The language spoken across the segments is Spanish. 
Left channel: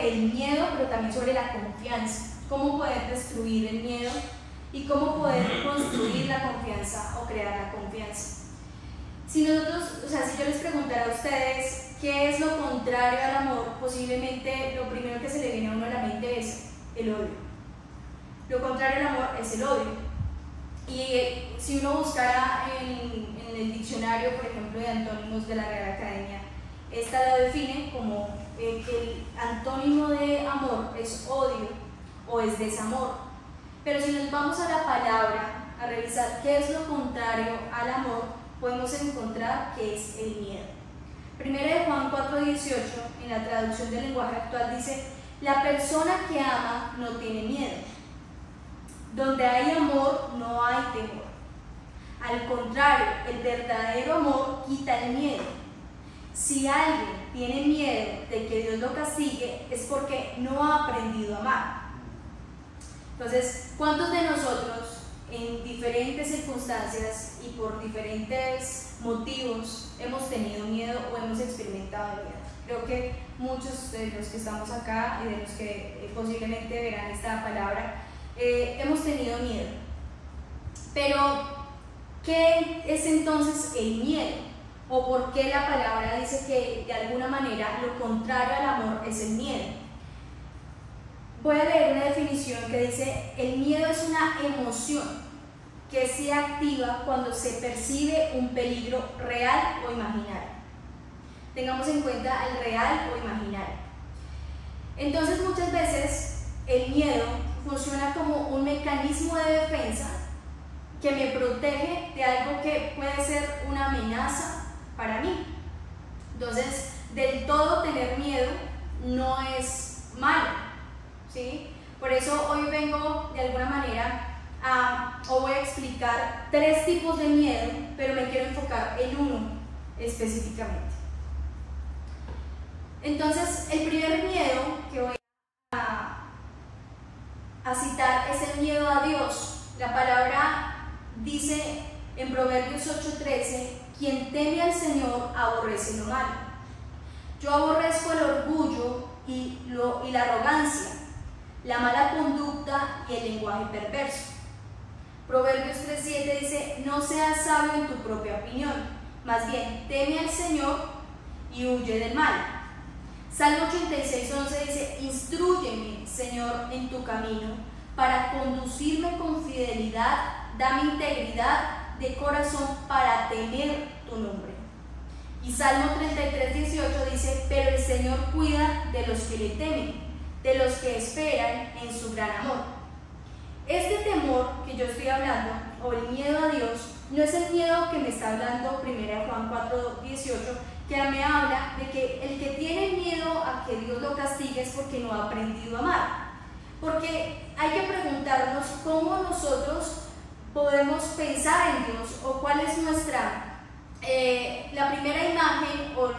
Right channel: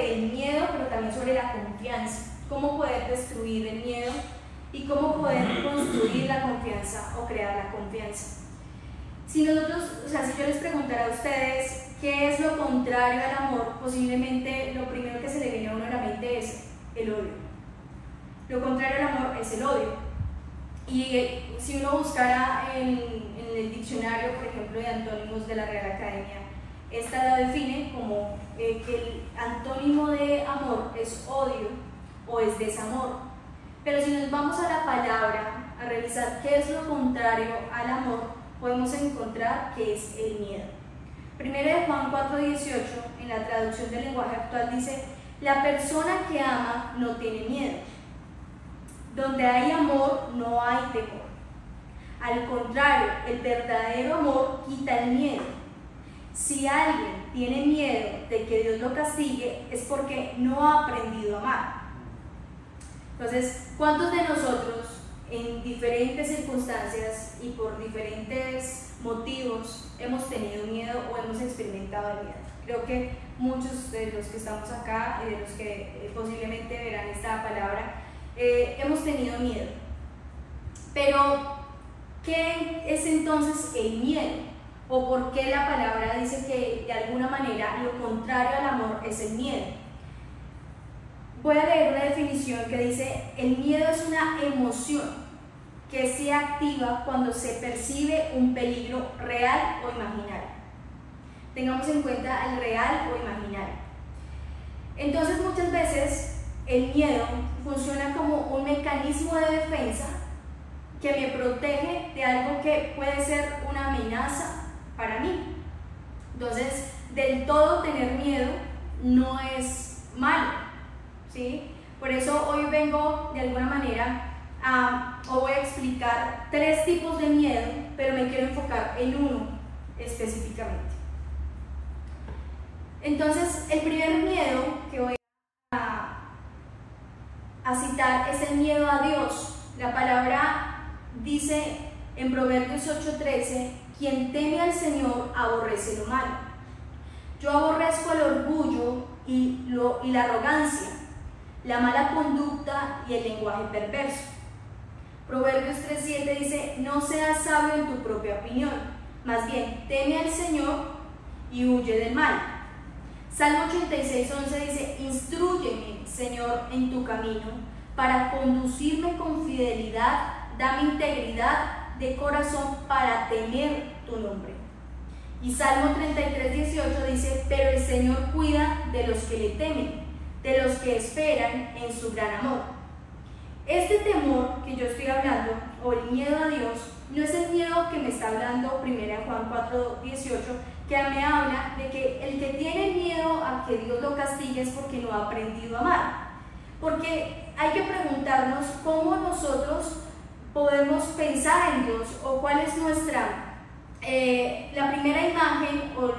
sobre el miedo, pero también sobre la confianza. Cómo poder destruir el miedo y cómo poder construir la confianza o crear la confianza. Si nosotros, si yo les preguntara a ustedes qué es lo contrario al amor, posiblemente lo primero que se le viene a uno a la mente es el odio. Lo contrario al amor es el odio. Y si uno buscara en el diccionario, por ejemplo, de antónimos de la Real Academia, esta la define como que el antónimo de amor es odio o es desamor. Pero si nos vamos a la palabra a revisar qué es lo contrario al amor, podemos encontrar que es el miedo. Primero de Juan 4:18, en la traducción del lenguaje actual, dice: la persona que ama no tiene miedo. Donde hay amor no hay temor. Al contrario, el verdadero amor quita el miedo. Si alguien tiene miedo de que Dios lo castigue, es porque no ha aprendido a amar. Entonces, ¿cuántos de nosotros en diferentes circunstancias y por diferentes motivos hemos tenido miedo o hemos experimentado el miedo? Creo que muchos de los que estamos acá y de los que posiblemente verán esta palabra hemos tenido miedo. Pero, ¿qué es entonces el miedo? ¿O por qué la palabra dice que de alguna manera lo contrario al amor es el miedo? Voy a leer una definición que dice: el miedo es una emoción que se activa cuando se percibe un peligro real o imaginario. Tengamos en cuenta el real o imaginario. Entonces, muchas veces el miedo funciona como un mecanismo de defensa que me protege de algo que puede ser una amenaza para mí. Entonces, del todo tener miedo no es malo, ¿sí? Por eso hoy vengo de alguna manera os voy a explicar 3 tipos de miedo, pero me quiero enfocar en uno específicamente. Entonces, el primer miedo que voy a citar es el miedo a Dios. La palabra dice en Proverbios 8:13: quien teme al Señor aborrece lo malo. Yo aborrezco el orgullo y la arrogancia, la mala conducta y el lenguaje perverso. Proverbios 3:7 dice: no seas sabio en tu propia opinión, más bien teme al Señor y huye del mal. Salmo 86:11 dice: instrúyeme, Señor, en tu camino, para conducirme con fidelidad, dame integridad de corazón para temer tu nombre. Y Salmo 33:18 dice: pero el Señor cuida de los que le temen, de los que esperan en su gran amor. Este temor que yo estoy hablando, o el miedo a Dios, no es el miedo que me está hablando 1 Juan 4:18, que me habla de que el que tiene miedo a que Dios lo castigue es porque no ha aprendido a amar. Porque hay que preguntarnos cómo nosotros podemos pensar en Dios, o cuál es la primera imagen o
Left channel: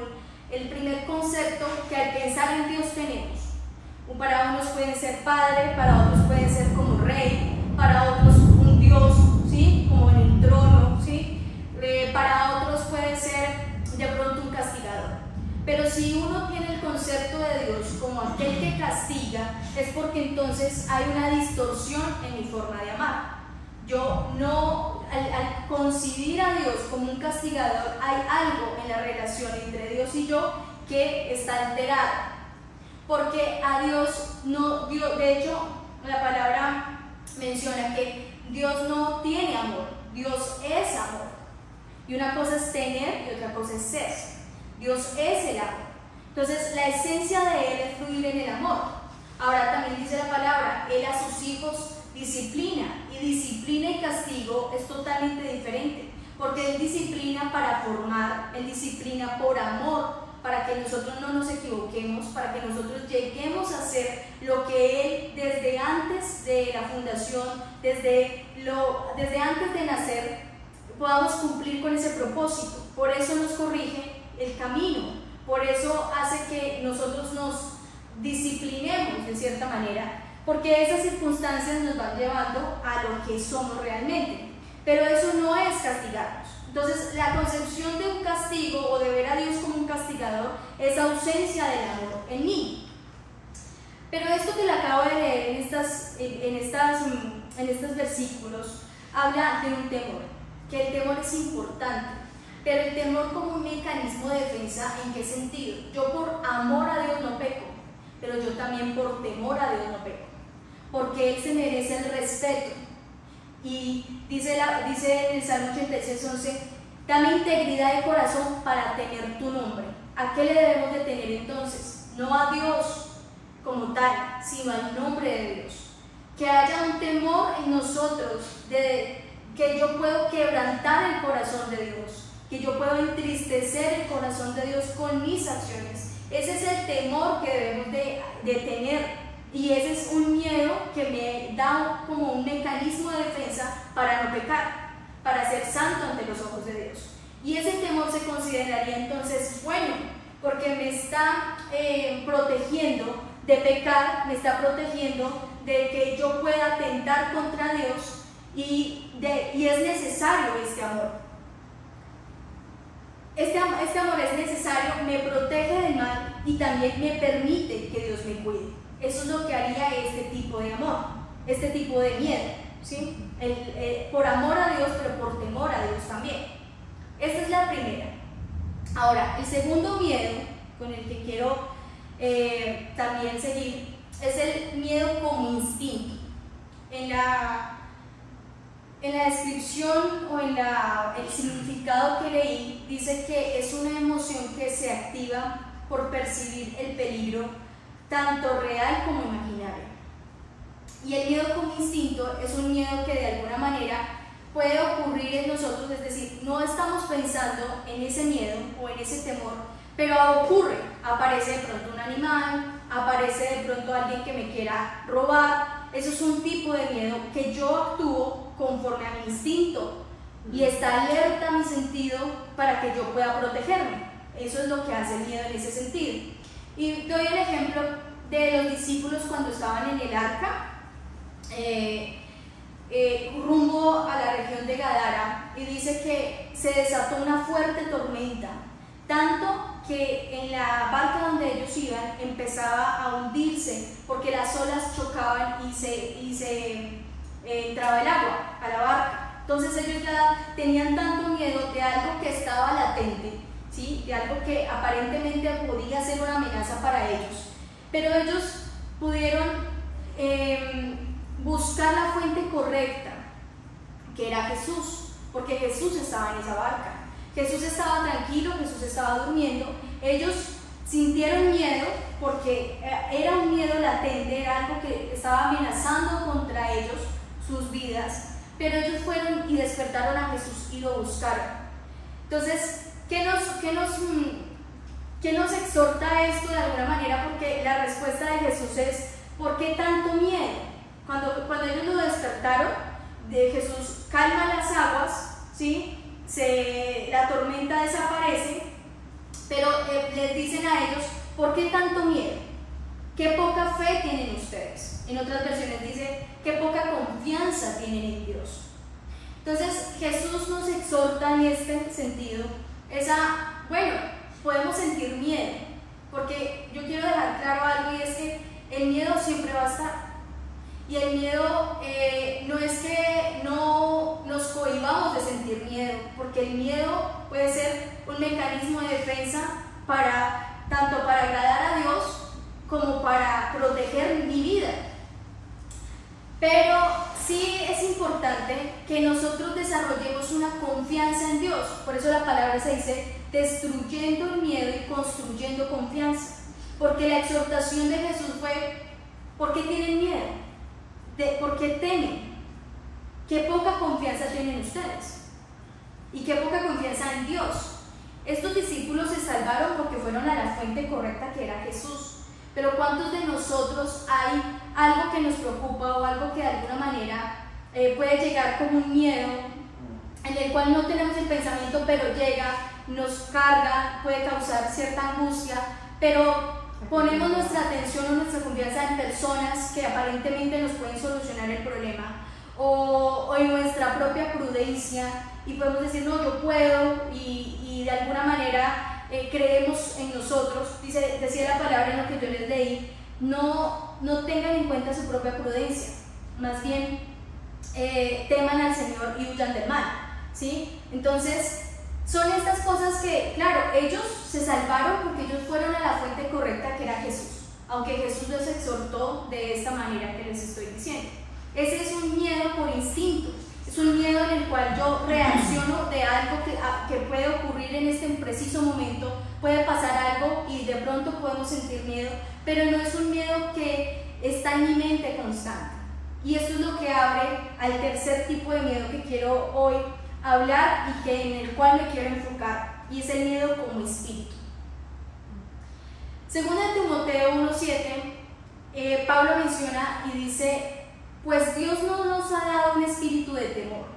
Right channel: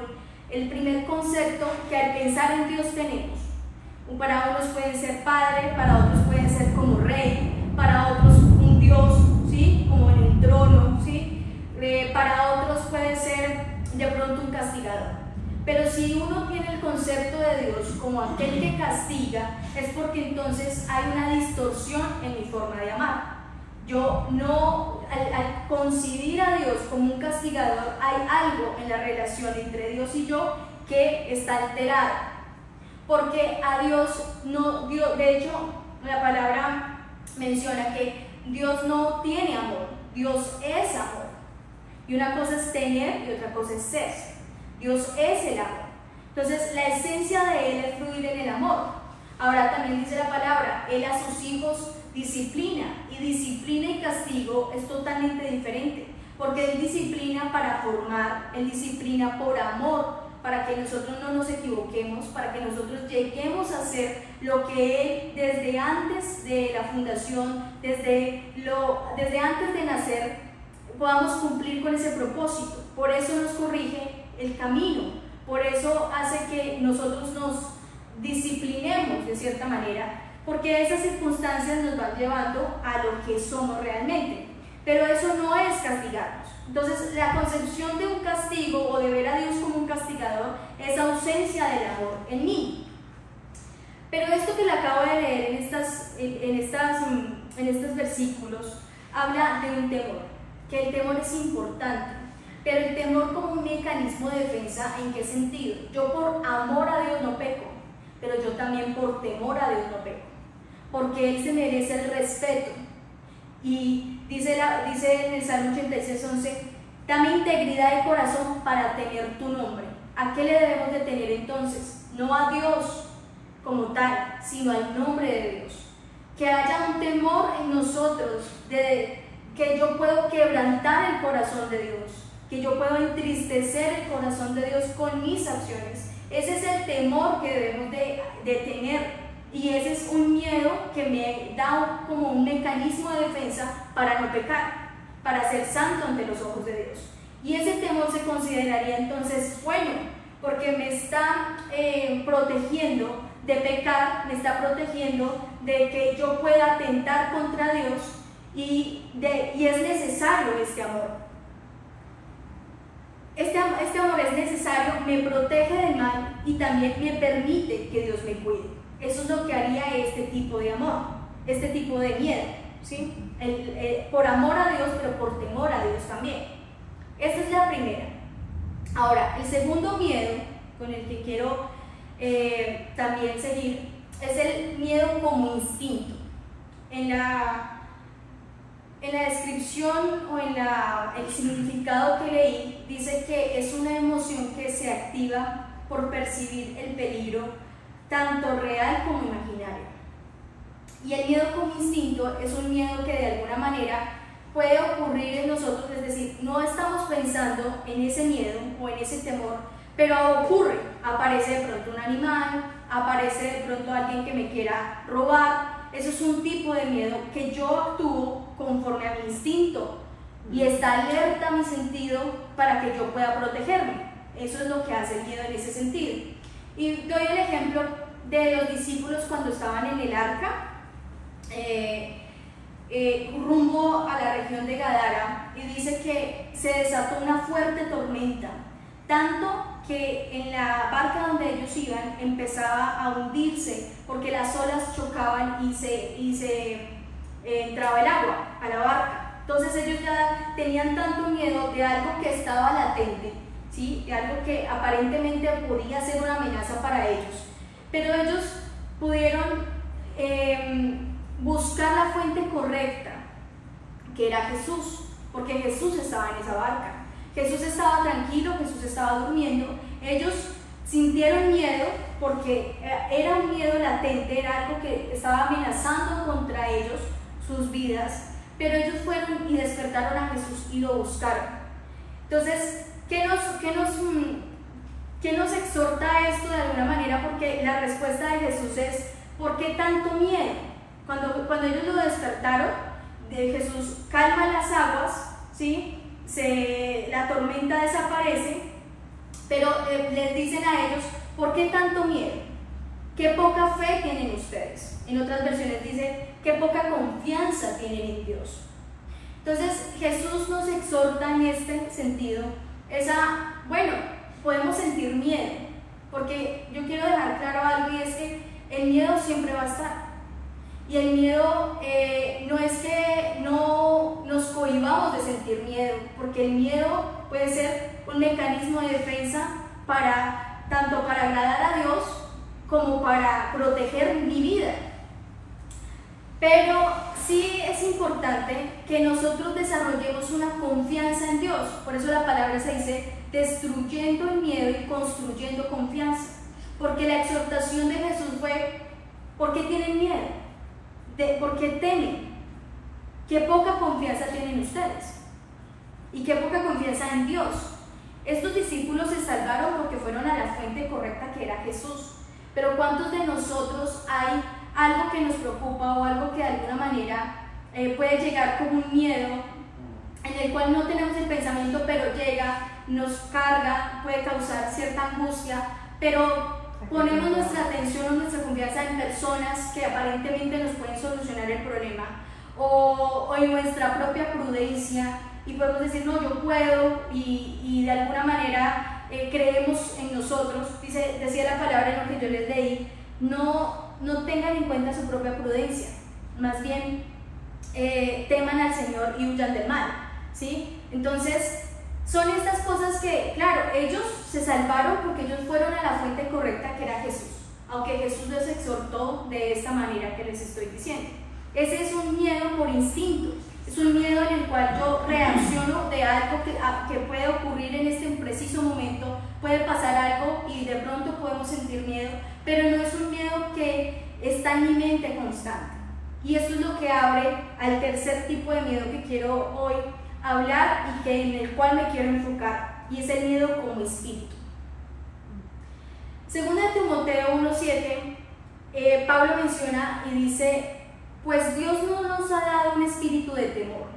el primer concepto que al pensar en Dios tenemos. Para unos pueden ser padre, para otros pueden ser como rey, para otros un Dios, ¿sí? Como en un trono, ¿sí? Para otros puede ser de pronto un castigador. Pero si uno tiene el concepto de Dios como aquel que castiga, es porque entonces hay una distorsión en mi forma de amar. Yo no, al concebir a Dios como un castigador, hay algo en la relación entre Dios y yo que está alterado. Porque a Dios no, de hecho, la palabra menciona que Dios no tiene amor, Dios es amor. Y una cosa es tener y otra cosa es ser. Dios es el amor. Entonces, la esencia de Él es fluir en el amor. Ahora también dice la palabra: Él a sus hijos disciplina. Y disciplina y castigo es totalmente diferente. Porque Él disciplina para formar, Él disciplina por amor, para que nosotros no nos equivoquemos, para que nosotros lleguemos a hacer lo que Él desde antes de la fundación, desde antes de nacer, podamos cumplir con ese propósito. Por eso nos corrige el camino, por eso hace que nosotros nos disciplinemos de cierta manera, porque esas circunstancias nos van llevando a lo que somos realmente. Pero eso no es castigarnos. Entonces, la concepción de un castigo o de ver a Dios como un castigador es ausencia del amor en mí. Pero esto que le acabo de leer en estos versículos habla de un temor, que el temor es importante, pero el temor como un mecanismo de defensa, ¿en qué sentido? Yo por amor a Dios no peco, pero yo también por temor a Dios no peco, porque Él se merece el respeto. Y dice en el Salmo 86:11, dame integridad de corazón para temer tu nombre. ¿A qué le debemos de tener entonces? No a Dios como tal, sino al nombre de Dios. Que haya un temor en nosotros, que yo puedo quebrantar el corazón de Dios, que yo puedo entristecer el corazón de Dios con mis acciones. Ese es el temor que debemos de tener. Y ese es un miedo que me da como un mecanismo de defensa para no pecar, para ser santo ante los ojos de Dios. Y ese temor se consideraría entonces bueno, porque me está protegiendo de pecar, me está protegiendo de que yo pueda atentar contra Dios, y es necesario este amor. Este amor es necesario, me protege del mal y también me permite que Dios me cuide. Eso es lo que haría este tipo de amor, este tipo de miedo, ¿sí? Por amor a Dios, pero por temor a Dios también. Esta es la primera. Ahora, el segundo miedo con el que quiero también seguir es el miedo como instinto. En la descripción o en el significado que leí, dice que es una emoción que se activa por percibir el peligro, tanto real como imaginario. Y el miedo como instinto es un miedo que de alguna manera puede ocurrir en nosotros, es decir, no estamos pensando en ese miedo o en ese temor, pero ocurre, aparece de pronto un animal, aparece de pronto alguien que me quiera robar. Eso es un tipo de miedo que yo actúo conforme a mi instinto y está alerta mi sentido para que yo pueda protegerme. Eso es lo que hace el miedo en ese sentido. Y doy el ejemplo de los discípulos cuando estaban en el arca, rumbo a la región de Gadara, y dice que se desató una fuerte tormenta, tanto que en la barca donde ellos iban empezaba a hundirse porque las olas chocaban y se entraba el agua a la barca. Entonces ellos ya tenían tanto miedo de algo que estaba latente, ¿sí? De algo que aparentemente podía ser una amenaza para ellos, pero ellos pudieron buscar la fuente correcta, que era Jesús, porque Jesús estaba en esa barca. Jesús estaba tranquilo, Jesús estaba durmiendo. Ellos sintieron miedo porque era un miedo latente, era algo que estaba amenazando contra ellos, sus vidas, pero ellos fueron y despertaron a Jesús y lo buscaron. Entonces, ¿qué nos exhorta esto de alguna manera? Porque la respuesta de Jesús es: ¿por qué tanto miedo? Cuando ellos lo despertaron, Jesús calma las aguas, ¿sí? La tormenta desaparece, pero les dicen a ellos: ¿por qué tanto miedo? ¿Qué poca fe tienen ustedes? En otras versiones dice: ¿qué poca confianza tienen en Dios? Entonces Jesús nos exhorta en este sentido, bueno, podemos sentir miedo, porque yo quiero dejar claro algo, y es que el miedo siempre va a estar. Y el miedo no es que no nos cohibamos de sentir miedo, porque el miedo puede ser un mecanismo de defensa tanto para agradar a Dios como para proteger mi vida. Pero sí es importante que nosotros desarrollemos una confianza en Dios. Por eso la palabra se dice destruyendo el miedo y construyendo confianza. Porque la exhortación de Jesús fue: ¿por qué tienen miedo? ¿Por qué temen? ¿Qué poca confianza tienen ustedes? ¿Y qué poca confianza en Dios? Estos discípulos se salvaron porque fueron a la fuente correcta, que era Jesús. Pero ¿cuántos de nosotros hay algo que nos preocupa o algo que de alguna manera puede llegar como un miedo, en el cual no tenemos el pensamiento, pero llega, nos carga, puede causar cierta angustia, pero ponemos nuestra atención o nuestra confianza en personas que aparentemente nos pueden solucionar el problema, o en nuestra propia prudencia, y podemos decir: no, yo puedo, y de alguna manera creemos en nosotros? Decía la palabra en lo que yo les leí: no no tengan en cuenta su propia prudencia, más bien teman al Señor y huyan del mal, ¿sí? Entonces, son estas cosas que, claro, ellos se salvaron porque ellos fueron a la fuente correcta, que era Jesús, aunque Jesús los exhortó de esta manera que les estoy diciendo. Ese es un miedo por instinto, es un miedo en el cual yo reacciono de algo que puede ocurrir en este preciso momento, puede pasar algo y de pronto podemos sentir miedo, pero no es un miedo que está en mi mente constante. Y esto es lo que abre al tercer tipo de miedo que quiero hoy hablar y en el cual me quiero enfocar, y es el miedo como espíritu. Segunda de Timoteo 1:7, Pablo menciona y dice: pues Dios no nos ha dado un espíritu de temor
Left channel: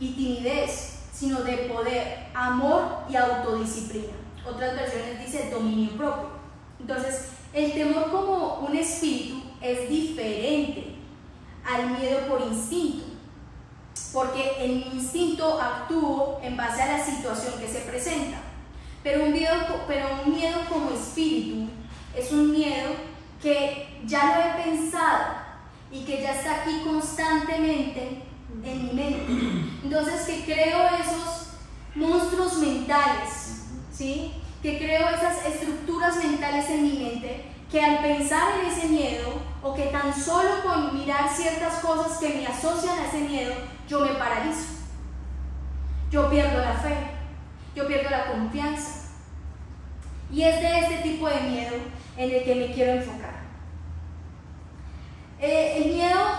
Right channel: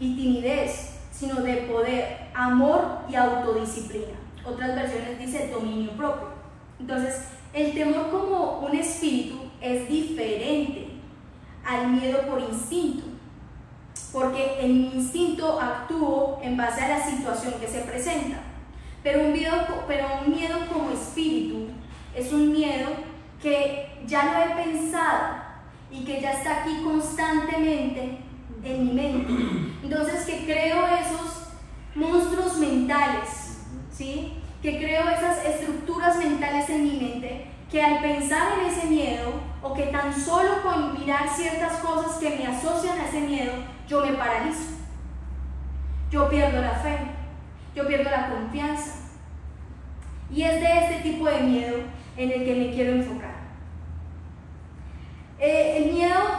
y timidez, sino de poder, amor y autodisciplina. Otras versiones dice dominio propio. Entonces, el temor como un espíritu es diferente al miedo por instinto, porque en mi instinto actúo en base a la situación que se presenta, pero un miedo como espíritu es un miedo que ya lo he pensado y que ya está aquí constantemente en mi mente. Entonces, que creo esos monstruos mentales, ¿sí? Que creo esas estructuras mentales en mi mente, que al pensar en ese miedo, o que tan solo con mirar ciertas cosas que me asocian a ese miedo, yo me paralizo, yo pierdo la fe, yo pierdo la confianza. Y es de este tipo de miedo en el que me quiero enfocar. El miedo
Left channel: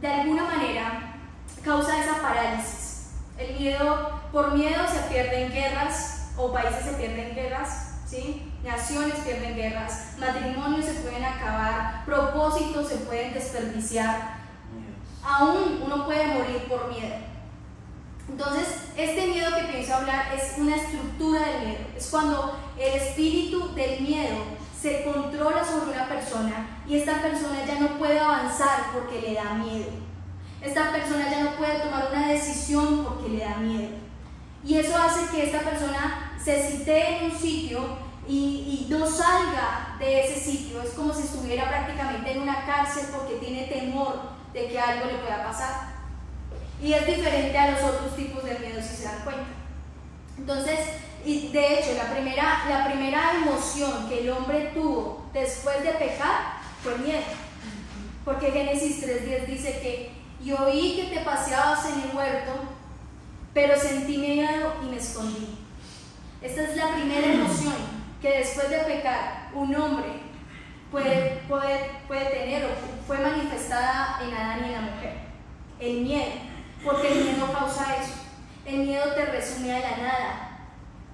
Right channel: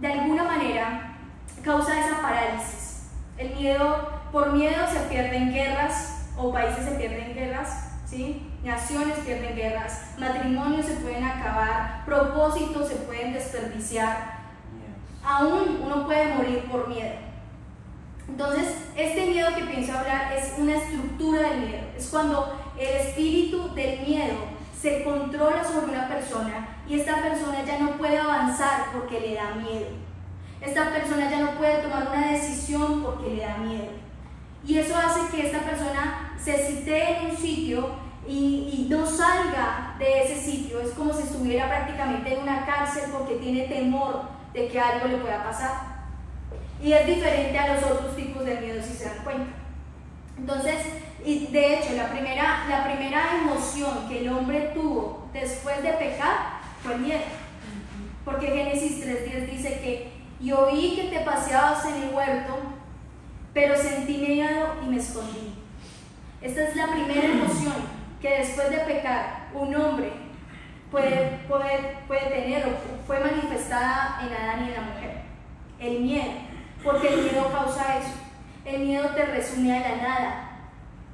de alguna manera, causa esa parálisis. El miedo, por miedo se pierden guerras, o países se pierden guerras, ¿sí? Naciones pierden guerras, matrimonios se pueden acabar, propósitos se pueden desperdiciar, aún uno puede morir por miedo. Entonces, este miedo que pienso hablar es una estructura del miedo, es cuando el espíritu del miedo se controla sobre una persona y esta persona ya no puede avanzar porque le da miedo. Esta persona ya no puede tomar una decisión porque le da miedo. Y eso hace que esta persona se sitee en un sitio y no salga de ese sitio. Es como si estuviera prácticamente en una cárcel porque tiene temor de que algo le pueda pasar. Y es diferente a los otros tipos de miedo, si se dan cuenta. Entonces, y de hecho, la primera emoción que el hombre tuvo después de pecar fue el miedo. Porque Génesis 3:10 dice que yo vi que te paseabas en el huerto, pero sentí miedo y me escondí. Esta es la primera emoción que después de pecar un hombre puede tener o fue manifestada en Adán y en la mujer. El miedo, porque el miedo causa eso. El miedo te resume a la nada.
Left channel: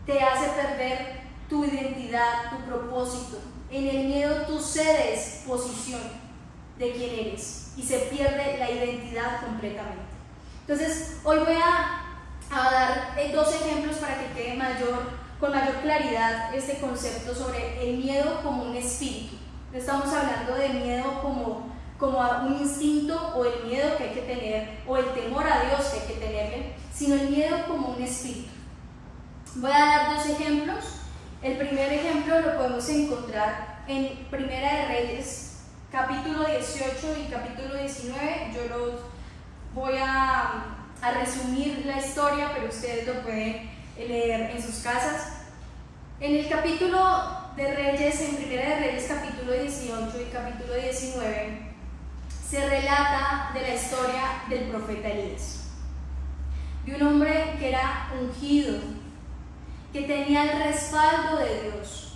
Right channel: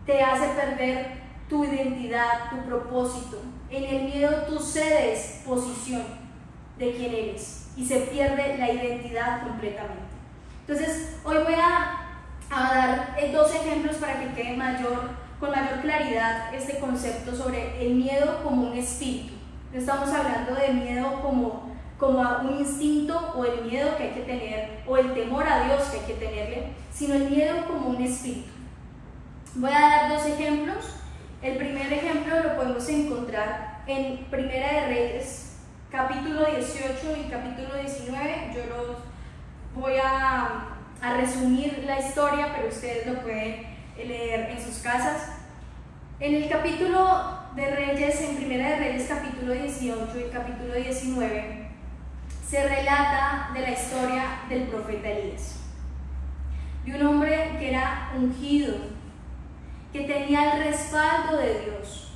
Te hace perder tu identidad, tu propósito. En el miedo tú cedes posición de quién eres y se pierde la identidad completamente. Entonces, hoy voy a dar dos ejemplos para que quede con mayor claridad este concepto sobre el miedo como un espíritu. No estamos hablando de miedo como a un instinto o el miedo que hay que tener o el temor a Dios que hay que tenerle, sino el miedo como un espíritu. Voy a dar dos ejemplos. El primer ejemplo lo podemos encontrar en Primera de Reyes, capítulo 18 y capítulo 19. Yo los voy a resumir la historia, pero ustedes lo pueden leer en sus casas. En el capítulo de Reyes, en Primera de Reyes, capítulo 18 y capítulo 19, se relata de la historia del profeta Elías, de un hombre que era ungido, que tenía el respaldo de Dios,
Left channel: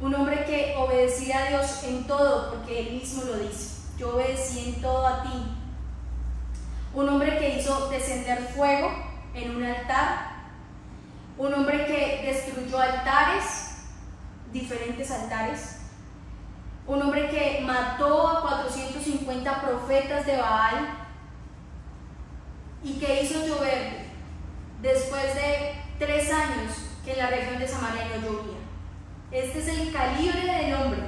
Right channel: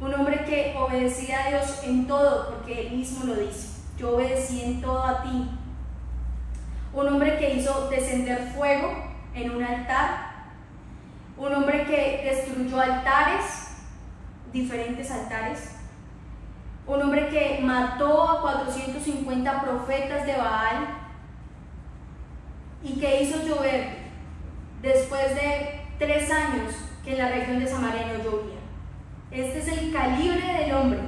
un hombre que obedecía a Dios en todo, porque él mismo lo dice: yo obedecí en todo a ti. Un hombre que hizo descender fuego en un altar, un hombre que destruyó altares, diferentes altares, un hombre que mató a 450 profetas de Baal y que hizo llover después de 3 años que en la región de Samaria no llovía. Este es el calibre del hombre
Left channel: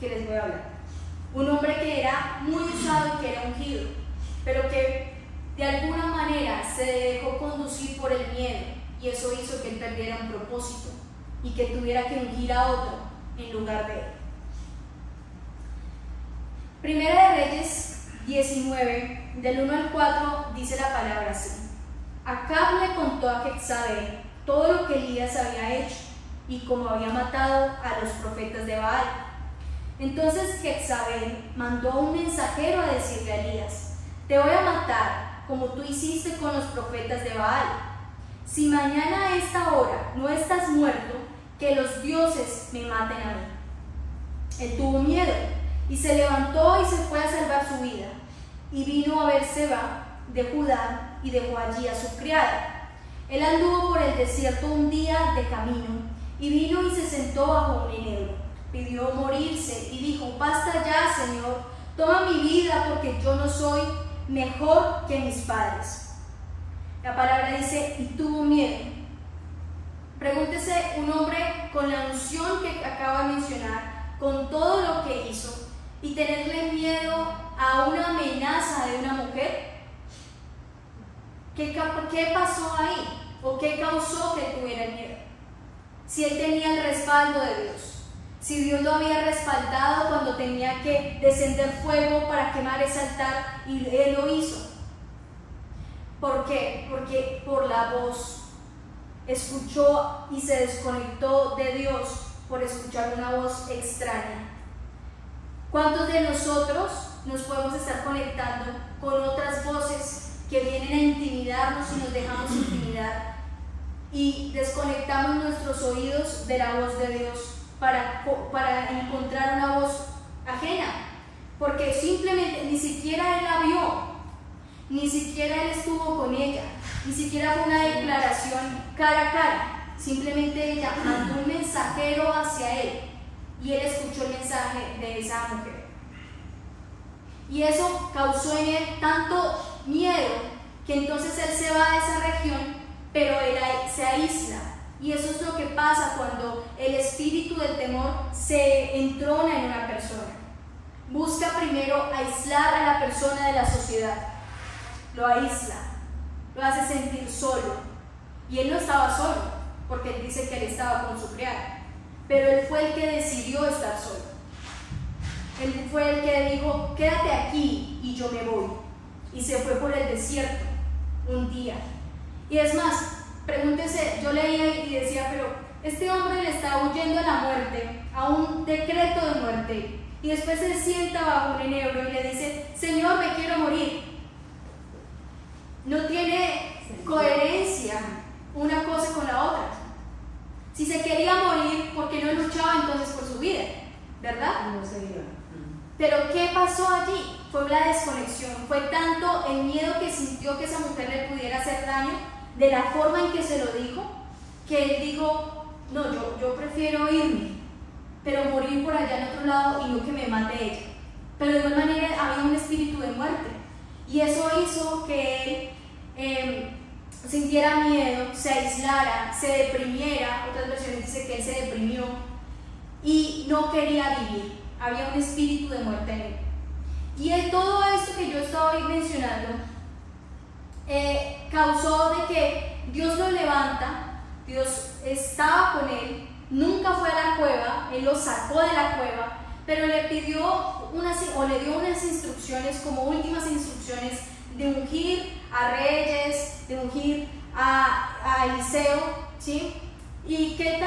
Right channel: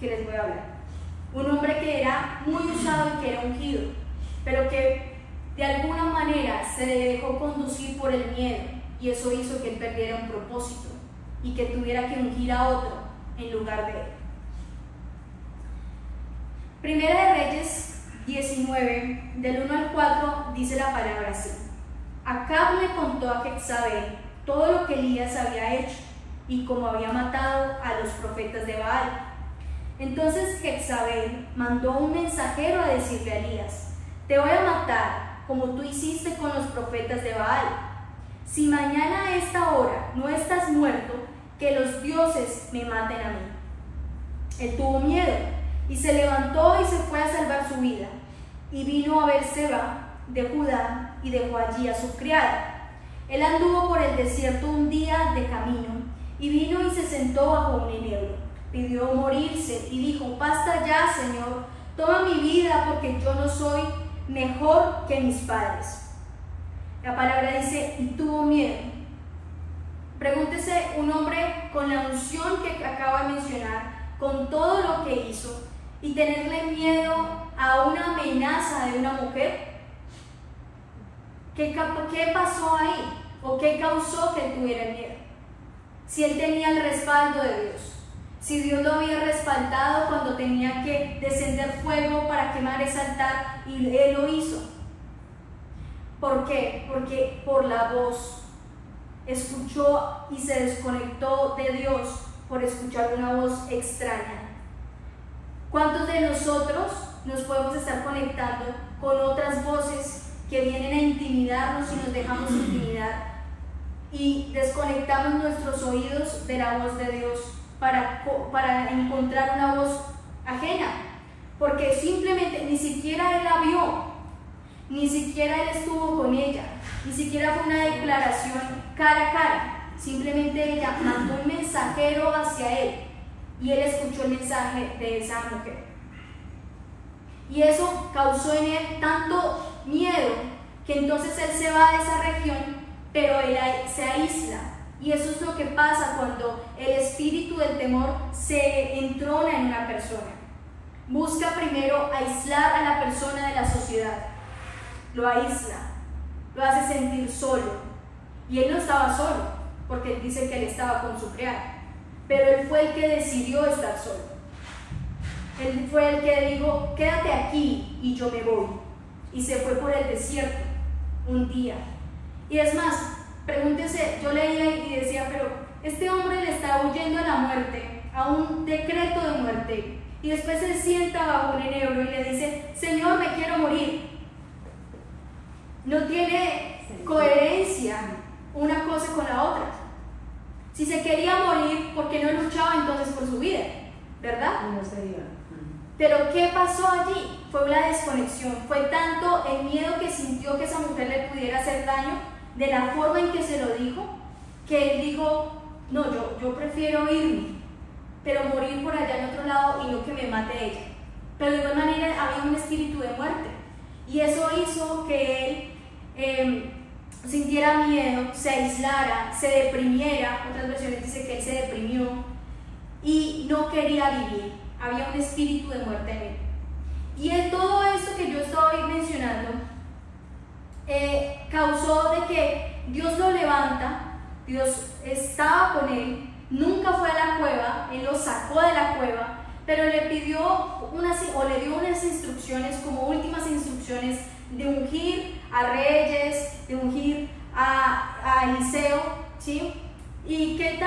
que les voy a hablar. Un hombre que era muy usado y que era ungido, pero que de alguna manera se dejó conducir por el miedo, y eso hizo que él perdiera un propósito y que tuviera que ungir a otro en lugar de él. Primera de Reyes 19, del 1 al 4, dice la palabra así: Acab le contó a Jezabel todo lo que Elías había hecho y cómo había matado a los profetas de Baal. Entonces Jezabel mandó un mensajero a decirle a Elías: Te voy a matar como tú hiciste con los profetas de Baal. Si mañana a esta hora no estás muerto, que los dioses me maten a mí. Él tuvo miedo y se levantó y se fue a salvar su vida, y vino a Berseba de Judá y dejó allí a su criada. Él anduvo por el desierto un día de camino y vino y se sentó bajo un enebro. Pidió morirse y dijo: Basta ya, Señor, toma mi vida, porque yo no soy mejor que mis padres. La palabra dice: y tuvo miedo. Pregúntese, un hombre con la unción que acabo de mencionar, con todo lo que hizo, y tenerle miedo a una amenaza de una mujer. ¿Qué pasó ahí? ¿O qué causó que él tuviera el miedo? Si él tenía el respaldo de Dios, si Dios lo había respaldado cuando tenía que descender fuego para quemar ese altar, y él lo hizo. ¿Por qué? Porque por la voz escuchó y se desconectó de Dios por escuchar una voz extraña. ¿Cuántos de nosotros nos podemos estar conectando con otras voces que vienen a intimidarnos y nos dejamos intimidar, y desconectamos nuestros oídos de la voz de Dios para encontrar una voz ajena? Porque simplemente ni siquiera él la vio, ni siquiera él estuvo con ella, ni siquiera fue una declaración cara a cara. Simplemente ella mandó un mensajero hacia él y él escuchó el mensaje de esa mujer. Y eso causó en él tanto miedo que entonces él se va de esa región, pero él se aísla. Y eso es lo que pasa cuando el espíritu del temor se entrona en una persona. Busca primero aislar a la persona de la sociedad, lo aísla, lo hace sentir solo. Y él no estaba solo, porque él dice que él estaba con su criada, pero él fue el que decidió estar solo. Él fue el que dijo: quédate aquí y yo me voy. Y se fue por el desierto un día. Y es más, pregúntese, yo leía y decía, pero este hombre le está huyendo a la muerte, a un decreto de muerte, y después se sienta bajo un enebro y le dice: Señor, me quiero morir. No tiene coherencia una cosa con la otra. Si se quería morir, ¿por qué no luchaba entonces por su vida? ¿Verdad? No se iba. Pero ¿qué pasó allí? Fue la desconexión. Fue tanto el miedo que sintió que esa mujer le pudiera hacer daño, de la forma en que se lo dijo, que él dijo: no, yo prefiero irme, pero morir por allá en otro lado y no que me mate ella. Pero de igual manera había un espíritu de muerte, y eso hizo que él sintiera miedo, se aislara, se deprimiera. Otras versiones dicen que él se deprimió y no quería vivir. Había un espíritu de muerte en él. Y todo esto que yo estoy mencionando causó de que Dios lo levanta. Dios estaba con él, nunca fue a la cueva, él lo sacó de la cueva, pero le pidió le dio unas instrucciones, como últimas instrucciones, de ungir a reyes, de ungir a Eliseo, ¿sí? Y qué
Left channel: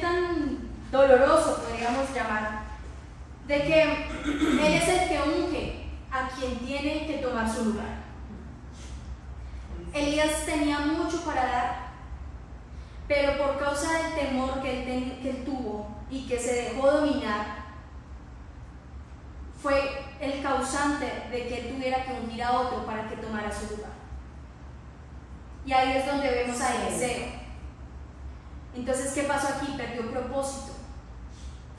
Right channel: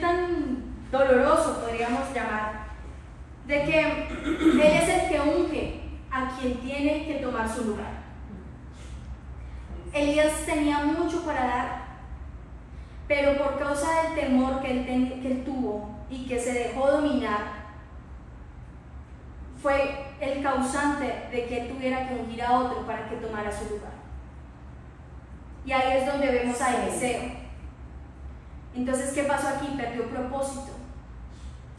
tan doloroso podríamos llamar, de que él es el que unge a quien tiene que tomar su lugar. Elías tenía mucho para dar, pero por causa del temor que él tuvo y que se dejó dominar, fue el causante de que él tuviera que ungir a otro para que tomara su lugar. Y ahí es donde vemos a Eliseo. Entonces, ¿qué pasó aquí? Perdió propósito,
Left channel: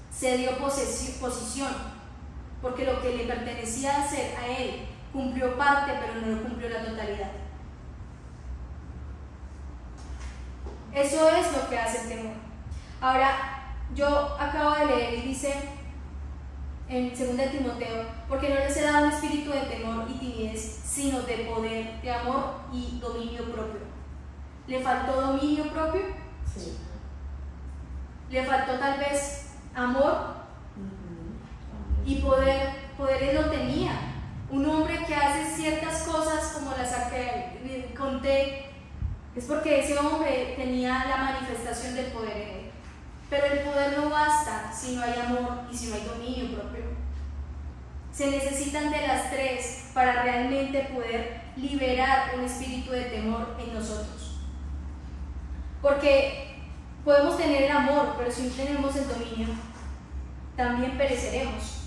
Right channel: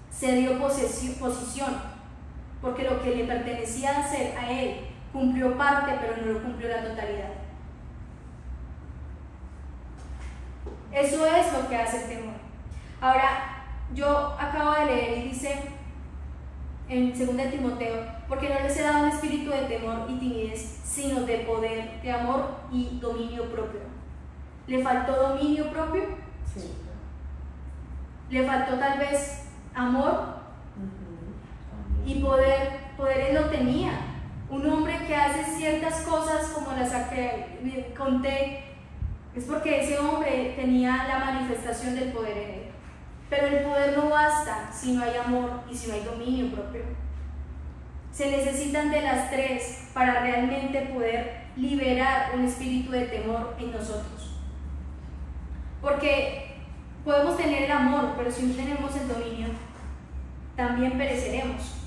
se dio posición, porque lo que le pertenecía hacer a él cumplió parte, pero no lo cumplió la totalidad. Eso es lo que hace el temor. Ahora, yo acabo de leer y dice en 2 Timoteo: porque no les he dado un espíritu de temor y timidez, sino de poder, de amor y dominio propio. ¿Le faltó dominio propio? Sí. ¿Le faltó tal vez amor y poder él lo tenía. Un hombre que hace ciertas cosas como las que conté, es porque ese hombre tenía la manifestación del poder en él. Pero el poder no basta si no hay amor y si no hay dominio propio. Se necesitan de las tres para realmente poder liberar un espíritu de temor en nosotros. Porque podemos tener el amor, pero si no tenemos el dominio, también pereceremos.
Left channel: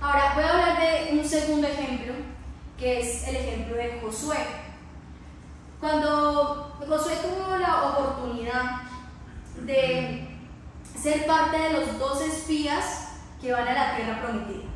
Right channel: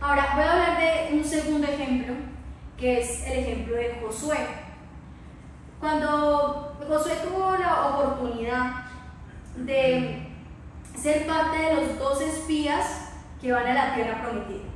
Ahora voy a hablar de un segundo ejemplo, que es el ejemplo de Josué. Cuando Josué tuvo la oportunidad de ser parte de los 12 espías que van a la tierra prometida.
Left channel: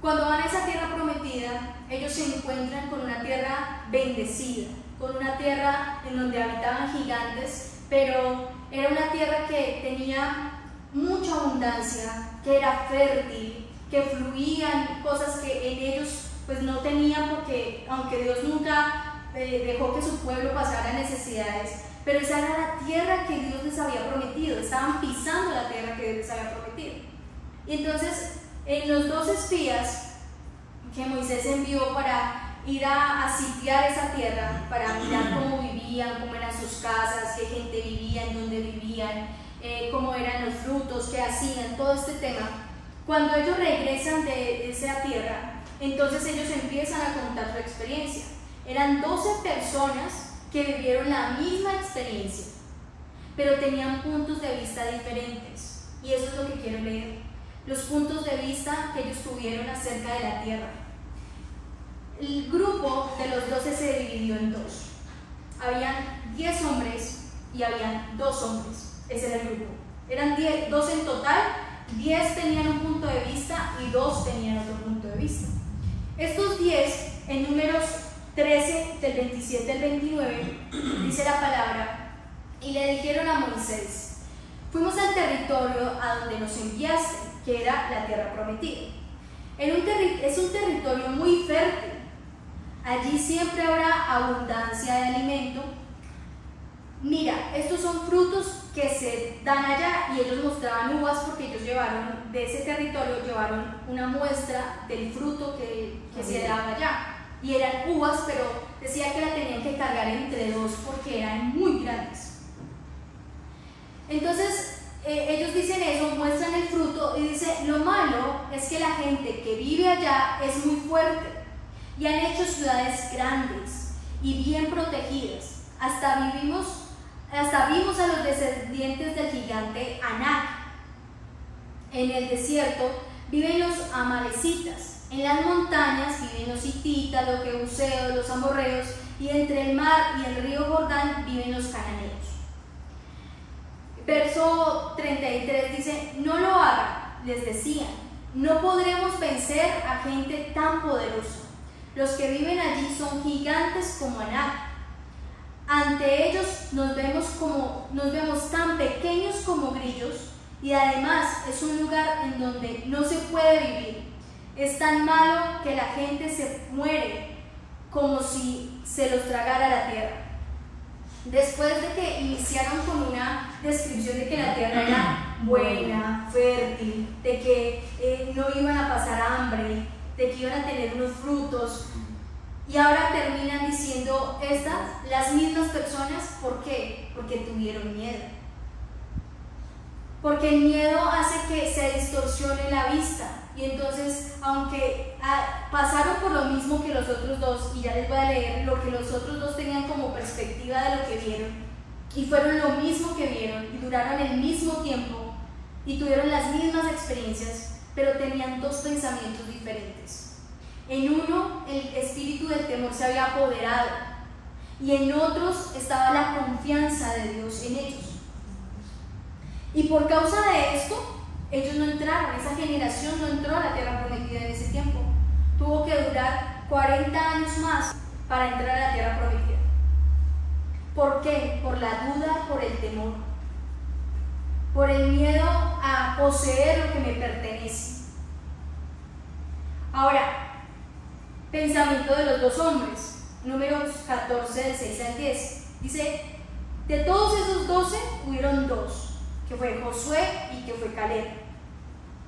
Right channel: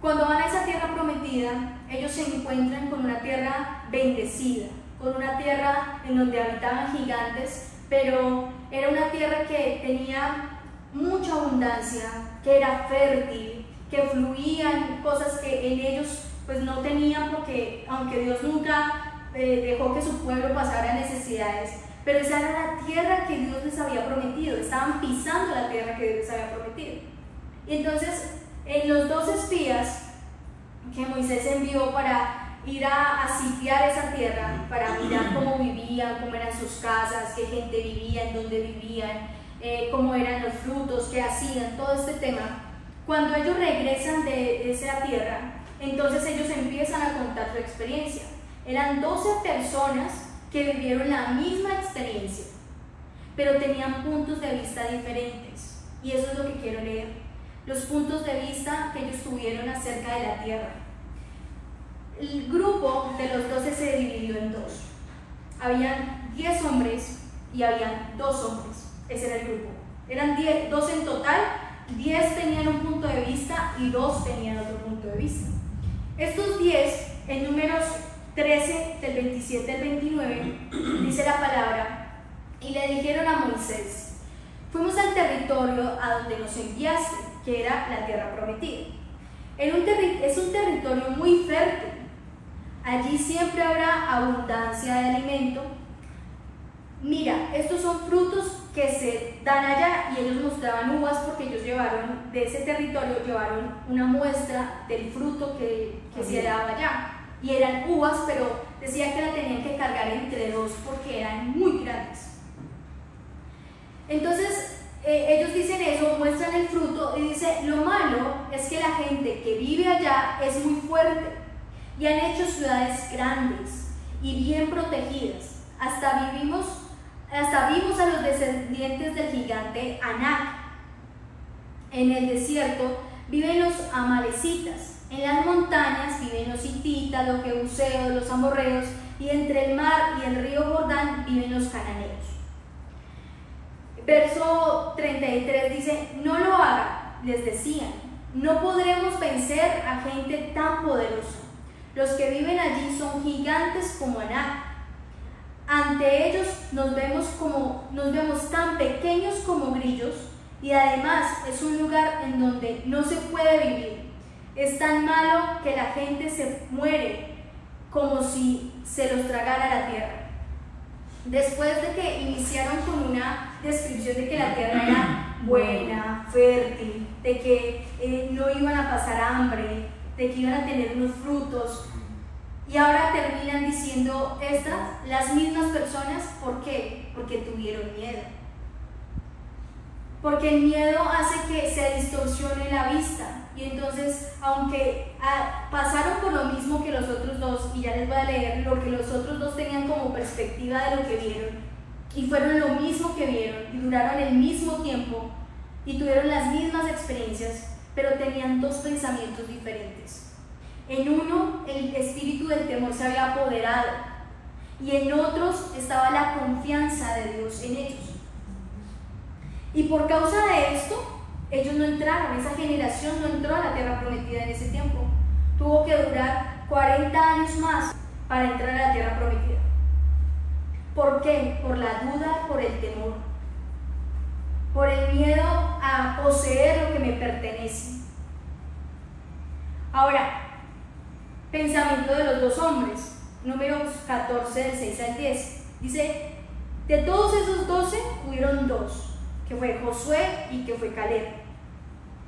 Cuando van a esa tierra prometida, ellos se encuentran con una tierra bendecida, con una tierra en donde habitaban gigantes, pero era una tierra que tenía mucha abundancia, que era fértil, que fluían cosas que en ellos pues no tenían, porque aunque Dios nunca dejó que su pueblo pasara necesidades, pero esa era la tierra que Dios les había prometido, estaban pisando la tierra que Dios les había prometido. Y entonces los 2 espías que Moisés envió para ir a sitiar esa tierra, para mirar cómo vivían, cómo eran sus casas, qué gente vivía, en dónde vivían, cómo eran los frutos, qué hacían, todo este tema. Cuando ellos regresan de esa tierra, entonces ellos empiezan a contar su experiencia. Eran 12 personas que vivieron la misma experiencia, pero tenían puntos de vista diferentes. Y eso es lo que quiero leer, los puntos de vista que ellos tuvieron acerca de la tierra. El grupo de los 12 se dividió en 2. Habían 10 hombres y habían 2 hombres. Ese era el grupo. Eran 12 en total, 10 tenían un punto de vista y 2 tenían otro punto de vista. Estos 10, en Números 13, del 27 al 29, dice la palabra: y le dijeron a Moisés: fuimos al territorio a donde nos enviaste, que era la tierra prometida. Es un territorio muy fértil. Allí siempre habrá abundancia de alimento. Mira, estos son frutos que se dan allá, y ellos mostraban uvas porque ellos llevaron, de ese territorio, llevaron una muestra del fruto que se daba allá. Y eran uvas, pero decía que la tenían que cargar entre 2 porque eran muy grandes. Entonces, ellos dicen eso, muestran el fruto y dice: lo malo es que la gente que vive allá es muy fuerte y han hecho ciudades grandes y bien protegidas. Hasta vimos a los descendientes del gigante Anak. En el desierto viven los amalecitas, en las montañas viven los hititas, los jebuseos, los amorreos, y entre el mar y el río Jordán viven los cananeos. Verso 33 dice: no lo hagan, les decían, no podremos vencer a gente tan poderosa. Los que viven allí son gigantes como Anak. Ante ellos nos vemos tan pequeños como grillos, y además es un lugar en donde no se puede vivir. Es tan malo que la gente se muere como si se los tragara la tierra. Después de que iniciaron con una descripción de que la tierra era buena, fértil, de que no iban a pasar hambre, de que iban a tener unos frutos, y ahora terminan diciendo las mismas personas, ¿por qué? Porque tuvieron miedo. Porque el miedo hace que se distorsione la vista, y entonces, aunque pasaron por lo mismo que los otros 2, y ya les voy a leer lo que los otros 2 tenían como perspectiva de lo que vieron, y fueron lo mismo que vieron, y duraron el mismo tiempo, y tuvieron las mismas experiencias, pero tenían 2 pensamientos diferentes. En uno, el espíritu del temor se había apoderado, y en otros estaba la confianza de Dios en ellos. Y por causa de esto, ellos no entraron, esa generación no entró a la tierra prometida en ese tiempo. Tuvo que durar 40 años más para entrar a la tierra prometida. ¿Por qué? Por la duda, por el temor, por el miedo a poseer lo que me pertenece. Ahora, pensamiento de los 2 hombres, Números 14, del 6 al 10. Dice: de todos esos 12 hubieron 2 que fue Josué y que fue Caleb.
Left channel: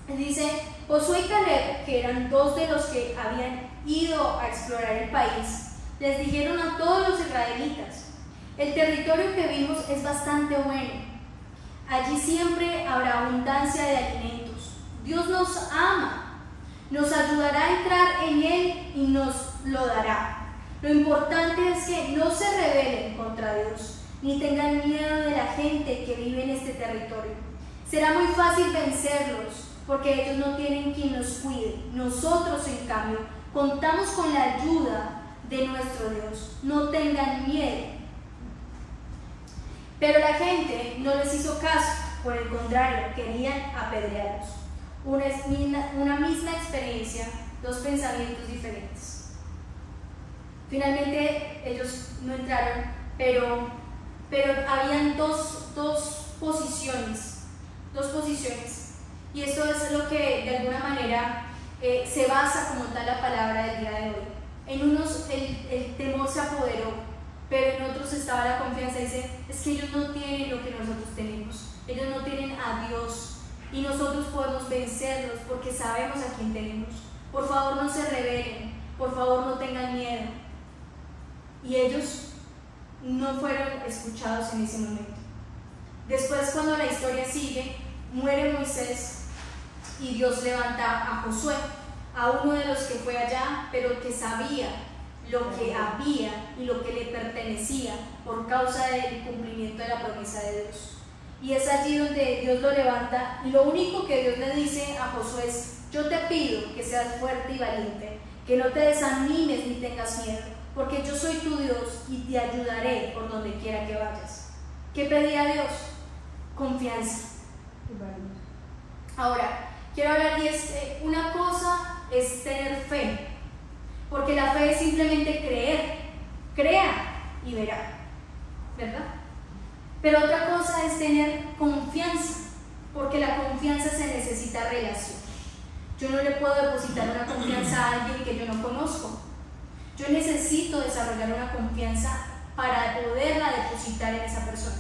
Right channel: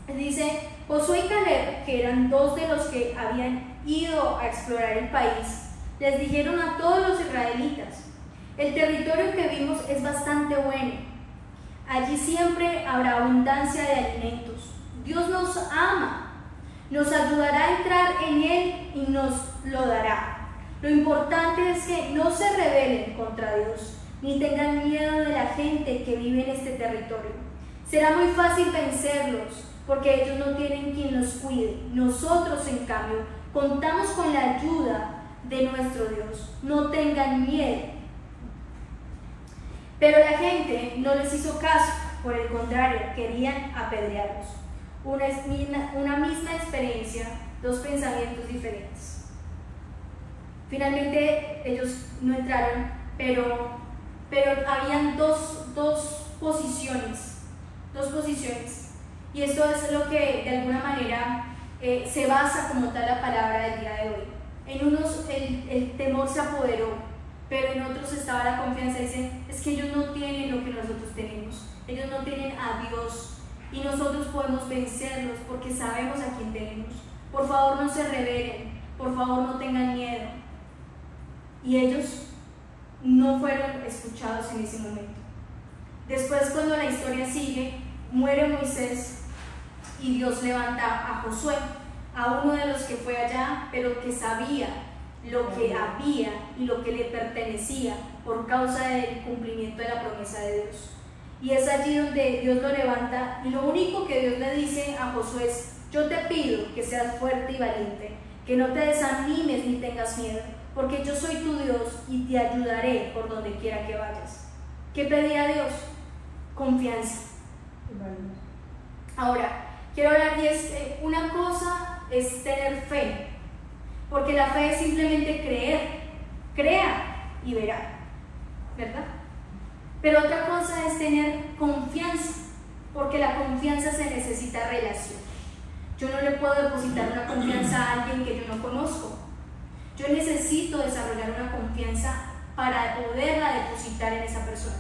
Dice, Josué y Caleb, que eran dos de los que habían ido a explorar el país, les dijeron a todos los israelitas: el territorio que vimos es bastante bueno. Allí siempre habrá abundancia de alimentos. Dios nos ama, nos ayudará a entrar en él y nos lo dará. Lo importante es que no se rebelen contra Dios, ni tengan miedo de la gente que vive en este territorio. Será muy fácil vencerlos, porque ellos no tienen quien los cuide. Nosotros, en cambio, contamos con la ayuda de nuestro Dios. No tengan miedo. Pero la gente no les hizo caso, por el contrario, querían apedrearlos. Una misma experiencia, dos pensamientos diferentes. Finalmente ellos no entraron, pero habían dos posiciones. Y esto es lo que de alguna manera se basa como tal la palabra del día de hoy. En unos el temor se apoderó, pero en otros estaba la confianza. Dice, es que ellos no tienen lo que nosotros tenemos, ellos no tienen a Dios, y nosotros podemos vencerlos porque sabemos a quién tenemos. Por favor, no se rebelen, por favor, no tengan miedo. Y ellos no fueron escuchados en ese momento. Después, cuando la historia sigue, muere Moisés y Dios levanta a Josué, a uno de los que fue allá, pero que sabía lo que había y lo que le pertenecía por causa del cumplimiento de la promesa de Dios. Y es allí donde Dios lo levanta, y lo único que Dios le dice a Josué es: yo te pido que seas fuerte y valiente, que no te desanimes ni tengas miedo, porque yo soy tu Dios y te ayudaré por donde quiera que vayas. ¿Qué pedía Dios? Confianza. Ahora, quiero hablar, y una cosa es tener fe, porque la fe es simplemente creer. Crea y verá, ¿verdad? Pero otra cosa es tener confianza, porque la confianza se necesita relación. Yo no le puedo depositar una confianza a alguien que yo no conozco. Yo necesito desarrollar una confianza para poderla depositar en esa persona.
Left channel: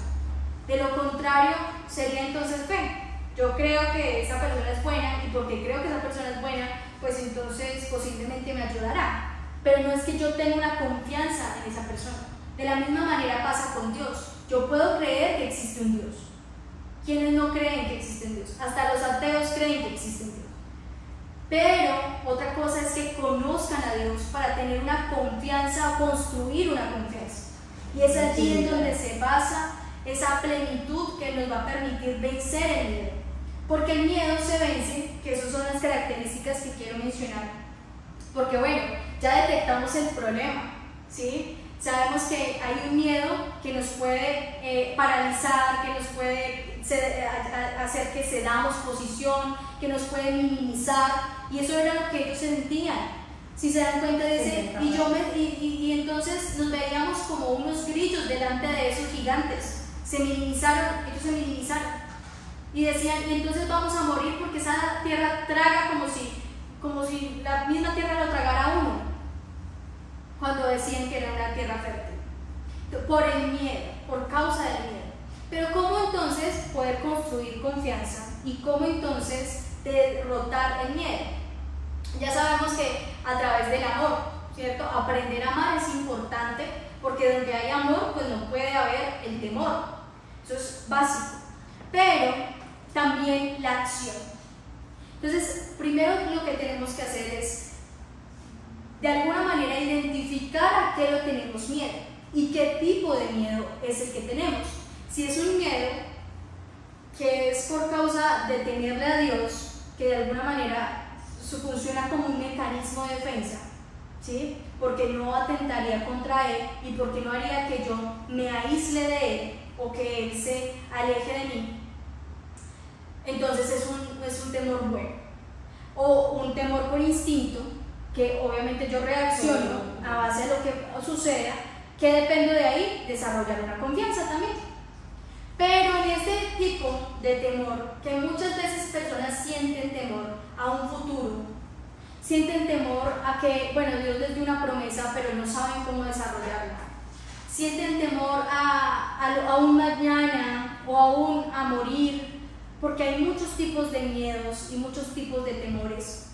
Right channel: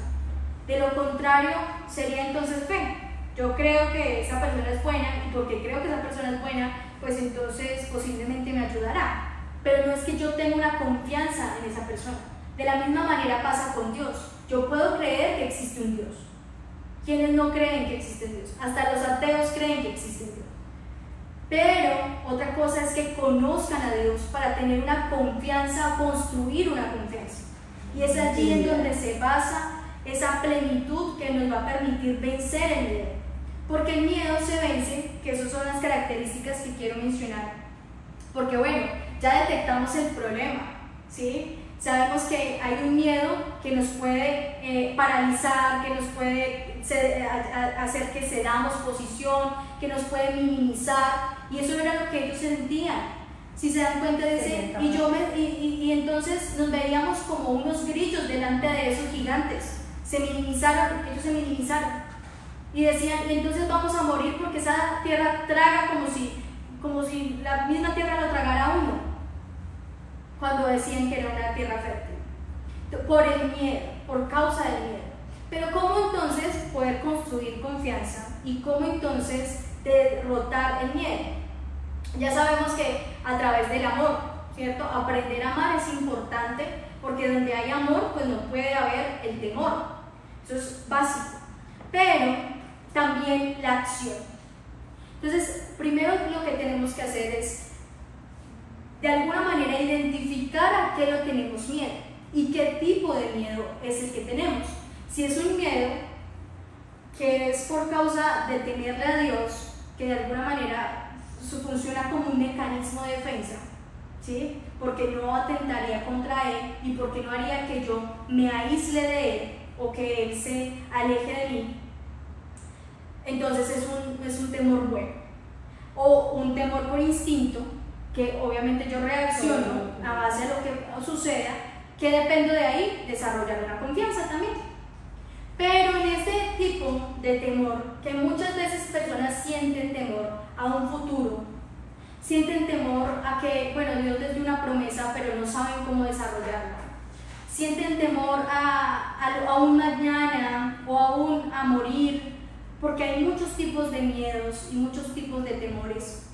De lo contrario, sería entonces fe. Yo creo que esa persona es buena, y porque creo que esa persona es buena, pues entonces posiblemente me ayudará. Pero no es que yo tenga una confianza en esa persona. De la misma manera pasa con Dios. Yo puedo creer que existe un Dios. ¿Quiénes no creen que existe un Dios? Hasta los ateos creen que existe un Dios. Pero otra cosa es que conozcan a Dios para tener una confianza o construir una confianza. Y es allí en donde se basa esa plenitud que nos va a permitir vencer el miedo. Porque el miedo se vence, que esas son las características que quiero mencionar. Porque bueno, ya detectamos el problema, ¿sí? Sabemos que hay un miedo que nos puede paralizar, que nos puede hacer que cedamos posición, que nos puede minimizar, y eso era lo que ellos sentían. Si se dan cuenta, dice, y entonces nos veíamos como unos grillos delante de esos gigantes. Se minimizaron, ellos se minimizaron y decían, y entonces vamos a morir porque esa tierra traga como si la misma tierra lo tragara a uno, cuando decían que era una tierra fértil, por el miedo, por causa del miedo. Pero ¿cómo entonces poder construir confianza y cómo entonces derrotar el miedo? Ya sabemos que a través del amor, ¿cierto? Aprender a amar es importante, porque donde hay amor, pues no puede haber el temor. Eso es básico. Pero también la acción. Entonces, primero lo que tenemos que hacer es, de alguna manera, identificar a qué lo tenemos miedo y qué tipo de miedo es el que tenemos. Si es un miedo que es por causa de temerle a Dios, que de alguna manera funciona como un mecanismo de defensa, ¿sí? Porque no atentaría contra Él y porque no haría que yo me aísle de Él o que Él se aleje de mí, entonces es un temor bueno. O un temor por instinto, que obviamente yo reacciono a base de lo que suceda, que dependo de ahí desarrollar una confianza también. Pero en este tipo de temor, que muchas veces personas sienten temor a un futuro, sienten temor a que, bueno, Dios les dio una promesa, pero no saben cómo desarrollarla. Sienten temor a un mañana o aún a morir, porque hay muchos tipos de miedos y muchos tipos de temores.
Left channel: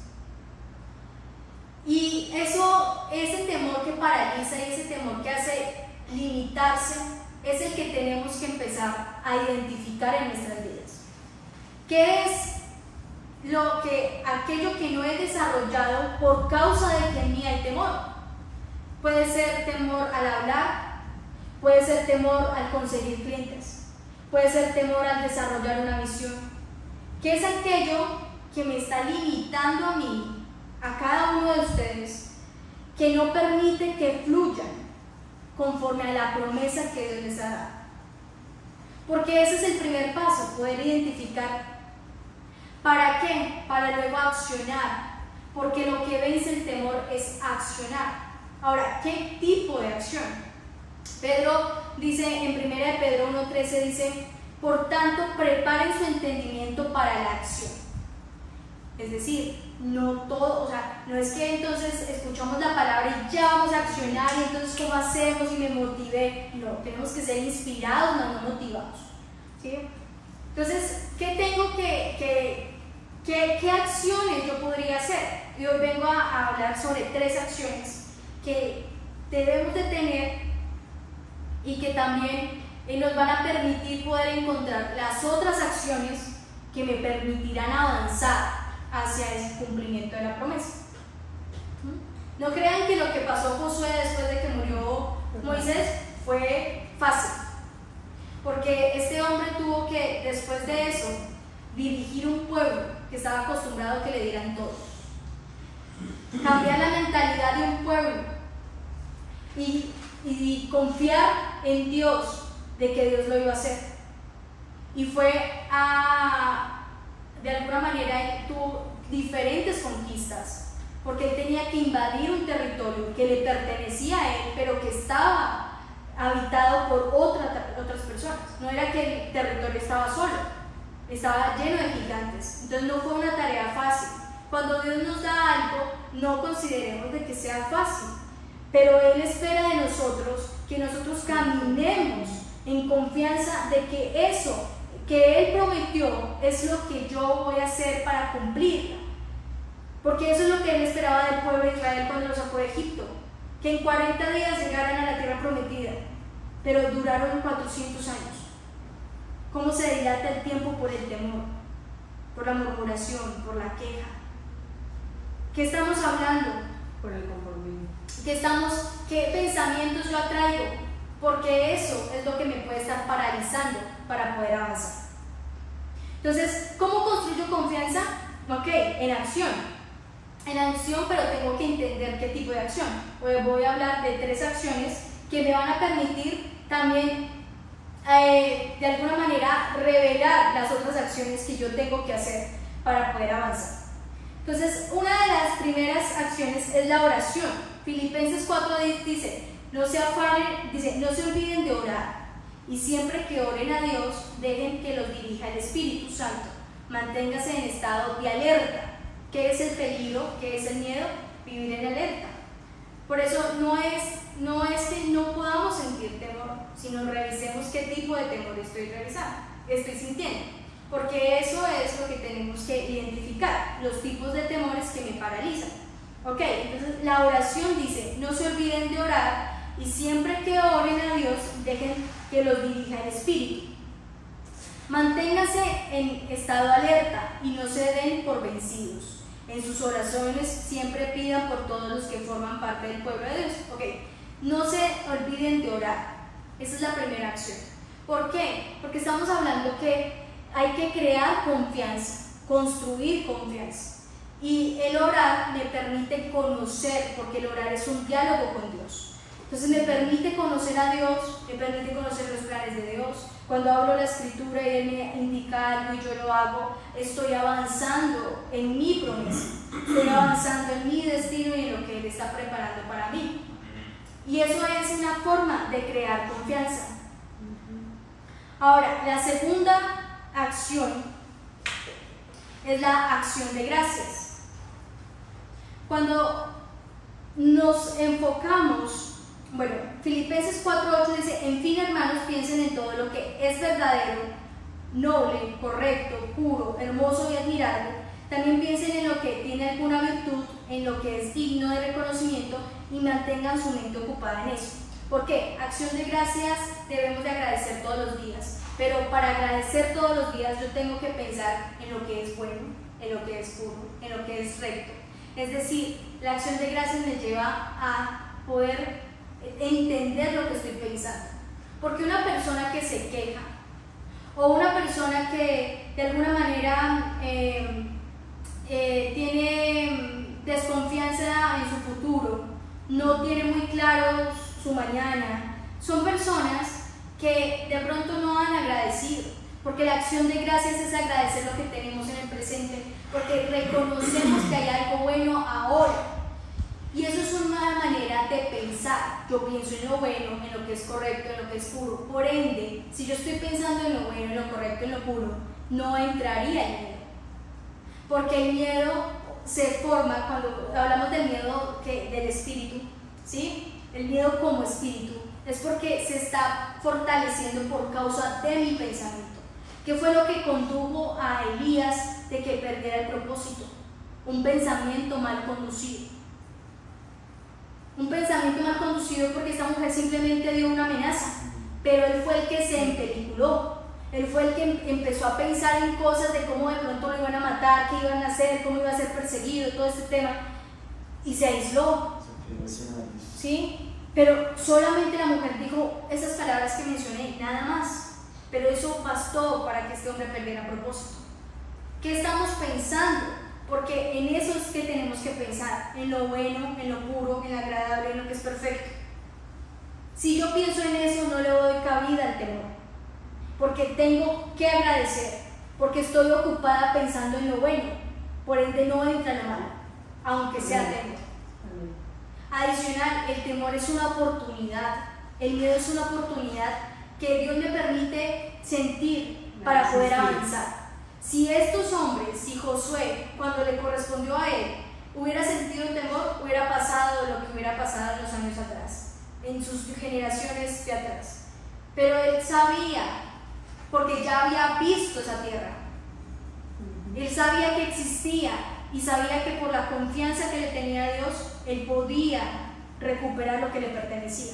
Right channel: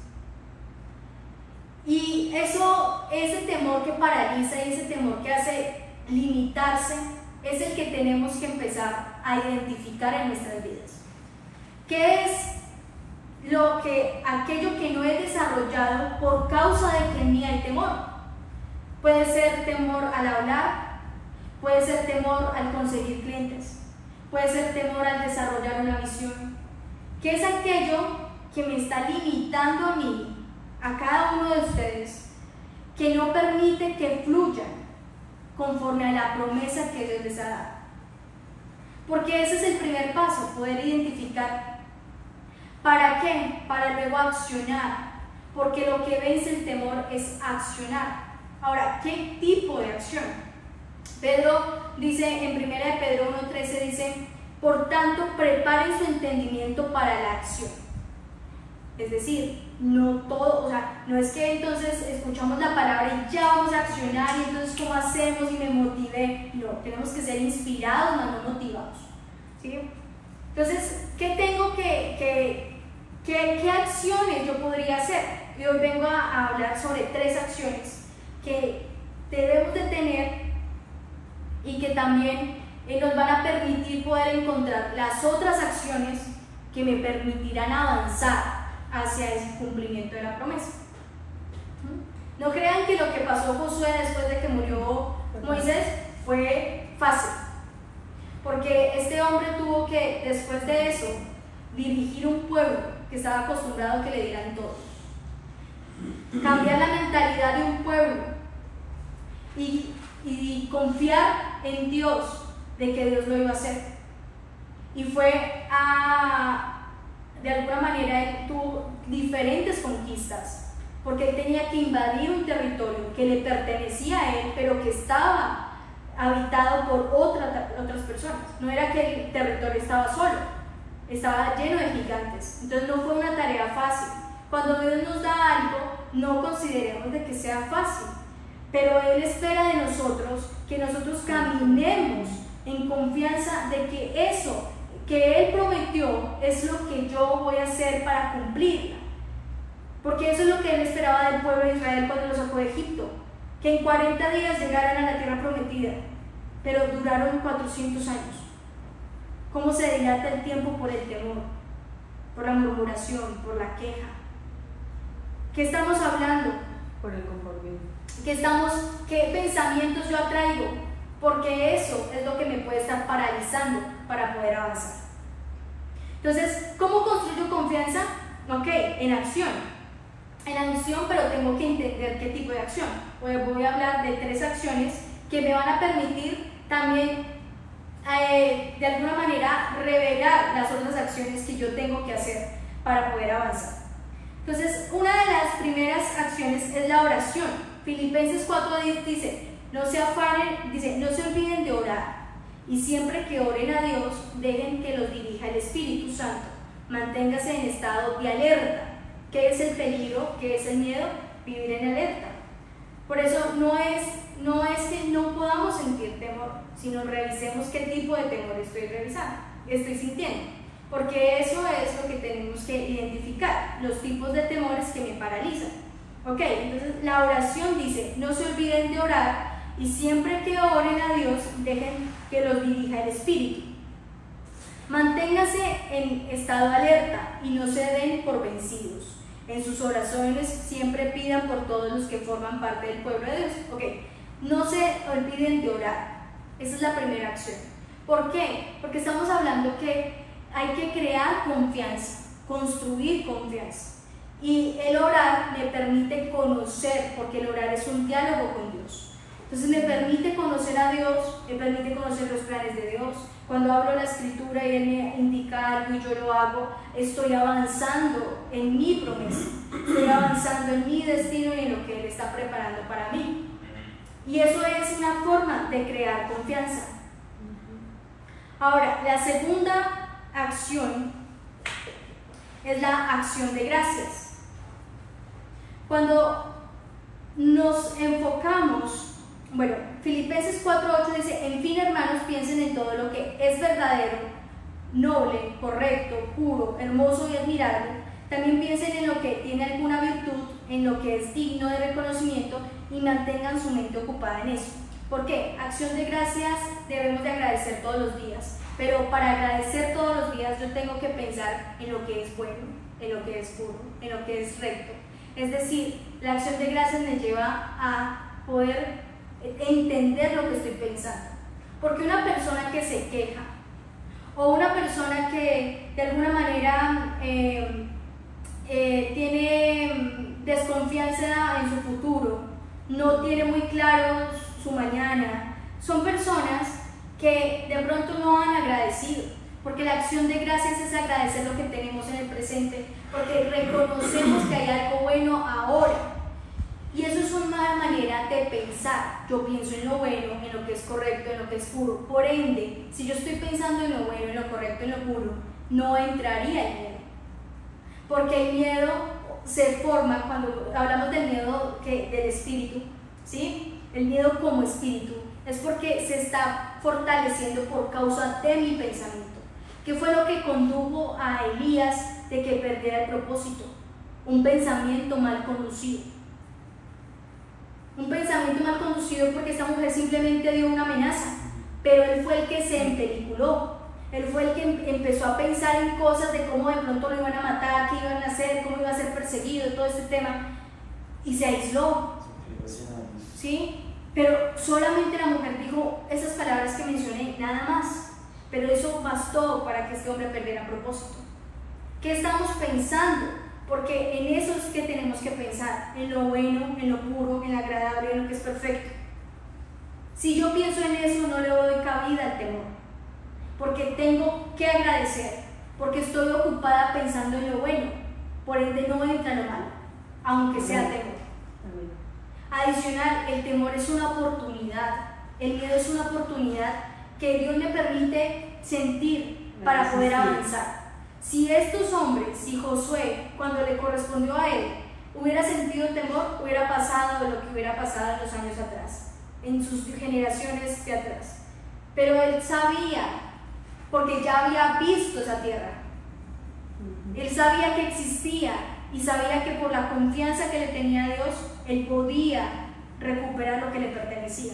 Y ese temor que paraliza y ese temor que hace limitarse es el que tenemos que empezar a identificar en nuestras vidas. ¿Qué es aquello que no he desarrollado por causa de que en mí hay temor? Puede ser temor al hablar, puede ser temor al conseguir clientes, puede ser temor al desarrollar una misión. ¿Qué es aquello que me está limitando a mí, a cada uno de ustedes, que no permite que fluyan conforme a la promesa que Dios les ha dado? Porque ese es el primer paso, poder identificar. ¿Para qué? Para luego accionar, porque lo que vence el temor es accionar. Ahora, ¿qué tipo de acción? Pedro dice en 1 Pedro 1:13, dice: por tanto, preparen su entendimiento para la acción. Es decir, no todo, o sea, no es que entonces escuchamos la palabra y ya vamos a accionar y entonces ¿cómo hacemos? Y me motivé. No, tenemos que ser inspirados, más no motivados, ¿sí? Entonces, ¿qué acciones yo podría hacer? Y hoy vengo a hablar sobre 3 acciones que debemos de tener y que también nos van a permitir poder encontrar las otras acciones que me permitirán avanzar hacia ese cumplimiento de la promesa. No crean que lo que pasó Josué después de que murió Moisés fue fácil, porque este hombre tuvo que, después de eso, dirigir un pueblo que estaba acostumbrado a que le dieran todo, cambiar la mentalidad de un pueblo y confiar en Dios, de que Dios lo iba a hacer. Y de alguna manera él tuvo diferentes conquistas, porque él tenía que invadir un territorio que le pertenecía a él, pero que estaba habitado por otras personas. No era que el territorio estaba solo, estaba lleno de gigantes. Entonces no fue una tarea fácil. Cuando Dios nos da algo, no consideremos de que sea fácil, pero Él espera de nosotros que nosotros caminemos en confianza de que eso que Él prometió es lo que yo voy a hacer para cumplirla. Porque eso es lo que Él esperaba del pueblo de Israel cuando lo sacó de Egipto, que en 40 días llegaran a la tierra prometida, pero duraron 400 años. ¿Cómo se dilata el tiempo por el temor, por la murmuración, por la queja? ¿Qué estamos hablando? Por el conformismo. ¿Qué pensamientos yo atraigo? Porque eso es lo que me puede estar paralizando para poder avanzar. Entonces, ¿cómo construyo confianza? Ok, en acción. En acción, pero tengo que entender qué tipo de acción. Hoy voy a hablar de 3 acciones que me van a permitir también, de alguna manera, revelar las otras acciones que yo tengo que hacer para poder avanzar. Entonces, una de las primeras acciones es la oración. Filipenses 4:10 dice: no se afanen, dice, no se olviden de orar, y siempre que oren a Dios, dejen que los dirija el Espíritu Santo. Manténgase en estado de alerta. ¿Qué es el peligro? ¿Qué es el miedo? Vivir en alerta. Por eso no es que no podamos sentir temor, sino revisemos qué tipo de temor estoy sintiendo. Porque eso es lo que tenemos que identificar, los tipos de temores que me paralizan. Ok, entonces la oración dice: no se olviden de orar, y siempre que oren a Dios, dejen que los dirija el Espíritu. Manténganse en estado alerta y no se den por vencidos. En sus oraciones siempre pidan por todos los que forman parte del pueblo de Dios. Ok, no se olviden de orar. Esa es la primera acción. ¿Por qué? Porque estamos hablando que hay que crear confianza, construir confianza. Y el orar me permite conocer, porque el orar es un diálogo con Dios. Entonces me permite conocer a Dios, me permite conocer los planes de Dios. Cuando hablo la escritura y Él me indica algo y yo lo hago, estoy avanzando en mi promesa, estoy avanzando en mi destino y en lo que Él está preparando para mí. Y eso es una forma de crear confianza. Ahora, la segunda acción es la acción de gracias. Cuando nos enfocamos, Filipenses 4:8 dice: en fin, hermanos, piensen en todo lo que es verdadero, noble, correcto, puro, hermoso y admirable, también piensen en lo que tiene alguna virtud, en lo que es digno de reconocimiento y mantengan su mente ocupada en eso. ¿Por qué? Acción de gracias debemos de agradecer todos los días, pero para agradecer todos los días yo tengo que pensar en lo que es bueno, en lo que es puro, en lo que es recto. Es decir, la acción de gracias me lleva a poder entender lo que estoy pensando. Porque una persona que se queja o una persona que de alguna manera tiene desconfianza en su futuro, no tiene muy claro su mañana, son personas que de pronto no han agradecido, porque la acción de gracias es agradecer lo que tenemos en el presente, porque reconocemos que hay algo bueno ahora. Y eso es una manera de pensar. Yo pienso en lo bueno, en lo que es correcto, en lo que es puro. Por ende, si yo estoy pensando en lo bueno, en lo correcto, en lo puro, no entraría el miedo. Porque el miedo se forma cuando hablamos del miedo del espíritu, ¿sí? El miedo como espíritu es porque se está fortaleciendo por causa de mi pensamiento. ¿Qué fue lo que condujo a Elías de que perdiera el propósito? Un pensamiento mal conducido. Un pensamiento mal conducido porque esta mujer simplemente dio una amenaza, pero él fue el que se empeliculó. Él fue el que empezó a pensar en cosas de cómo de pronto lo iban a matar, qué iban a hacer, cómo iba a ser perseguido, todo este tema, y se aisló. ¿Sí? Pero solamente la mujer dijo esas palabras que mencioné, nada más. Pero eso bastó para que este hombre perdiera propósito. ¿Qué estamos pensando? Porque en eso es que tenemos que pensar, en lo bueno, en lo puro, en lo agradable, en lo que es perfecto. Si yo pienso en eso, no le doy cabida al temor, porque tengo que agradecer, porque estoy ocupada pensando en lo bueno, por ende no entra lo malo, aunque sea temor. Adicional, el temor es una oportunidad, el miedo es una oportunidad que Dios me permite sentir para poder avanzar. Si estos hombres, si Josué, cuando le correspondió a él, hubiera sentido temor, hubiera pasado lo que hubiera pasado en los años atrás, en sus generaciones de atrás. Pero él sabía, porque ya había visto esa tierra. Él sabía que existía y sabía que por la confianza que le tenía a Dios, él podía recuperar lo que le pertenecía.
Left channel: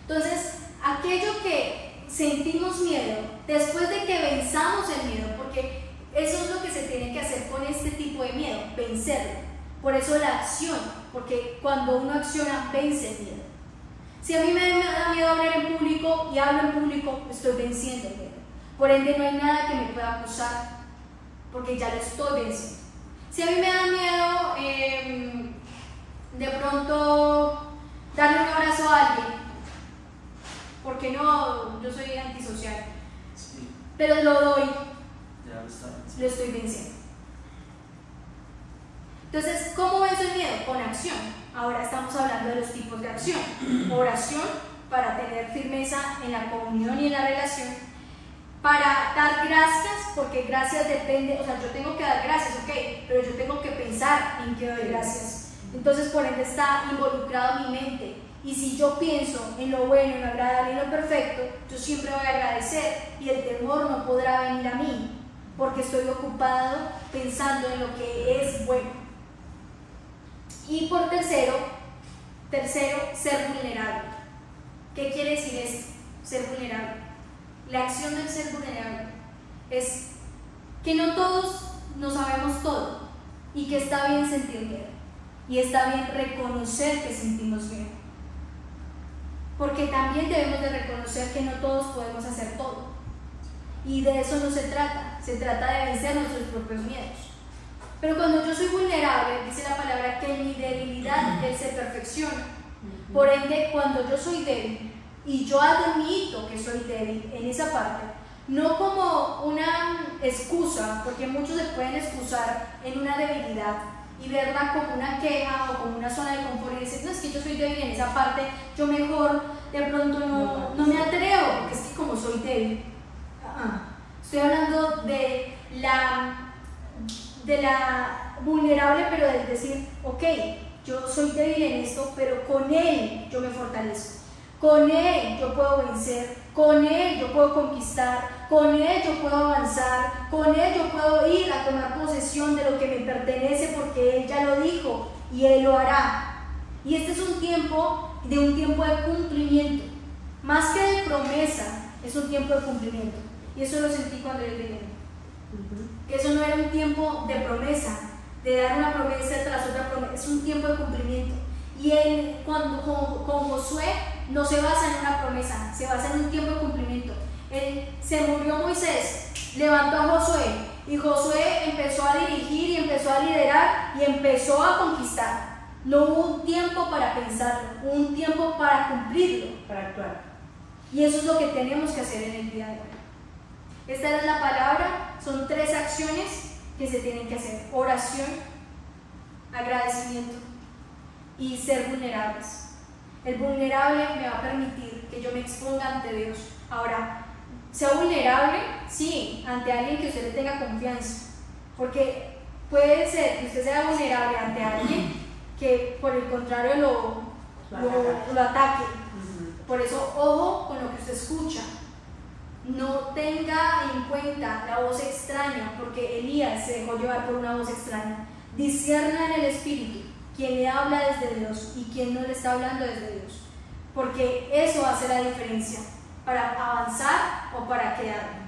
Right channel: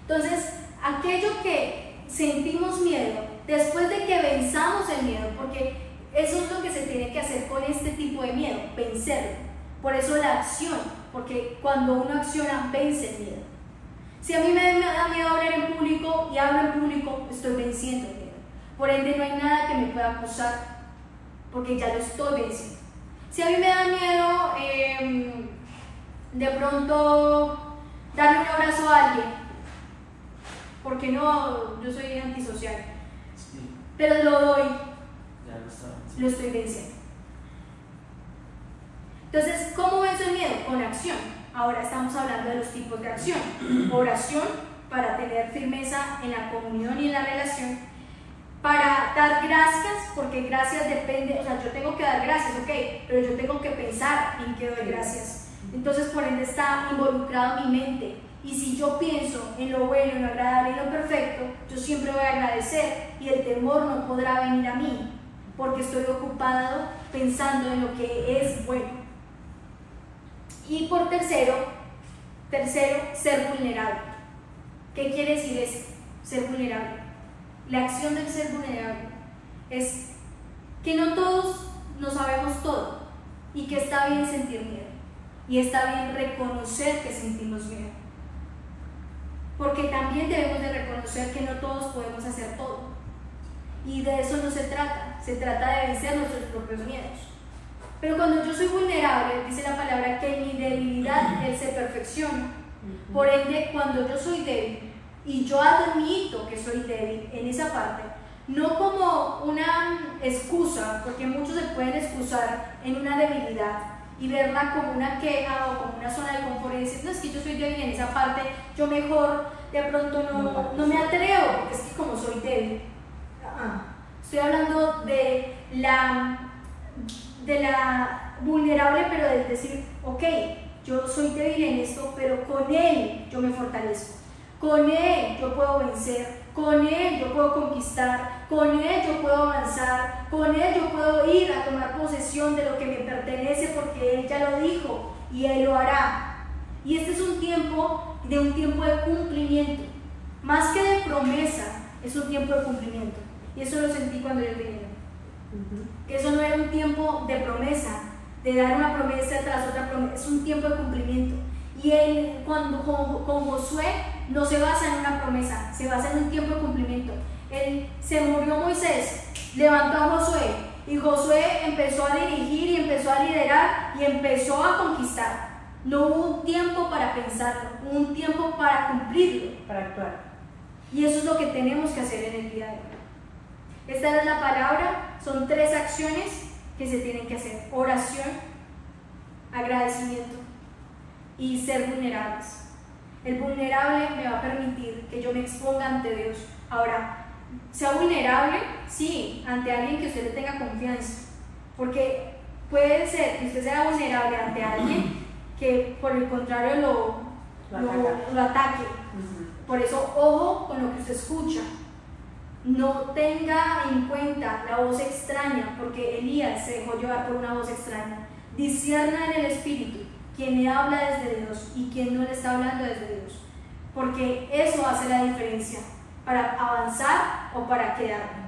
Entonces, aquello que sentimos miedo, después de que venzamos el miedo, porque eso es lo que se tiene que hacer con este tipo de miedo, vencerlo. Por eso la acción, porque cuando uno acciona, vence el miedo. Si a mí me da miedo hablar en público y hablo en público, estoy venciendo el miedo. Por ende, no hay nada que me pueda acusar, porque ya lo estoy venciendo. Si a mí me da miedo de pronto darle un abrazo a alguien, porque no, yo soy antisocial, pero lo doy, lo estoy venciendo. Entonces, ¿cómo venzo el miedo? Con acción. Ahora estamos hablando de los tipos de acción. Oración, para tener firmeza en la comunión y en la relación. Para dar gracias, porque gracias depende, o sea, yo tengo que dar gracias, ok, pero yo tengo que pensar en que doy gracias. Entonces, por ende, está involucrado mi mente. Y si yo pienso en lo bueno, en lo agradable, en lo perfecto, yo siempre voy a agradecer y el temor no podrá venir a mí, porque estoy ocupado pensando en lo que es bueno. Y por tercero, ser vulnerable. ¿Qué quiere decir esto? Ser vulnerable. La acción del ser vulnerable es que no todos no sabemos todo y que está bien sentir miedo y está bien reconocer que sentimos miedo, porque también debemos de reconocer que no todos podemos hacer todo y de eso no se trata de vencer nuestros propios miedos. Pero cuando yo soy vulnerable, dice la palabra que en mi debilidad Él se perfecciona. Por ende, cuando yo soy débil y yo admito que soy débil en esa parte, no como una excusa, porque muchos se pueden excusar en una debilidad y verla como una queja o como una zona de confort y decir, no, es que yo soy débil en esa parte, yo mejor de pronto no me atrevo, porque es que como soy débil. Estoy hablando de la vulnerable, pero de decir, ok, yo soy débil en esto, pero con Él yo me fortalezco. Con Él yo puedo vencer, con Él yo puedo conquistar, con Él yo puedo avanzar, con Él yo puedo ir a tomar posesión de lo que me pertenece porque Él ya lo dijo y Él lo hará. Y este es un tiempo de cumplimiento, más que de promesa, es un tiempo de cumplimiento. Y eso lo sentí cuando ellos vinieron. Que eso no era un tiempo de promesa, de dar una promesa tras otra promesa, es un tiempo de cumplimiento. Y él, con Josué, no se basa en una promesa, se basa en un tiempo de cumplimiento. Se murió Moisés, levantó a Josué, y Josué empezó a dirigir y empezó a liderar y empezó a conquistar. No hubo un tiempo para pensarlo, hubo un tiempo para cumplirlo, para actuar. Y eso es lo que tenemos que hacer en el día de hoy. Esta es la palabra, son 3 acciones que se tienen que hacer: oración, agradecimiento y ser vulnerables. El vulnerable me va a permitir que yo me exponga ante Dios. Ahora, sea vulnerable, sí, ante alguien que usted le tenga confianza, porque puede ser que usted sea vulnerable ante alguien que por el contrario lo ataque. Por eso, ojo con lo que usted escucha. No tenga en cuenta la voz extraña, porque Elías se dejó llevar por una voz extraña. Discierna en el espíritu quién le habla desde Dios y quién no le está hablando desde Dios, porque eso hace la diferencia para avanzar o para quedarme.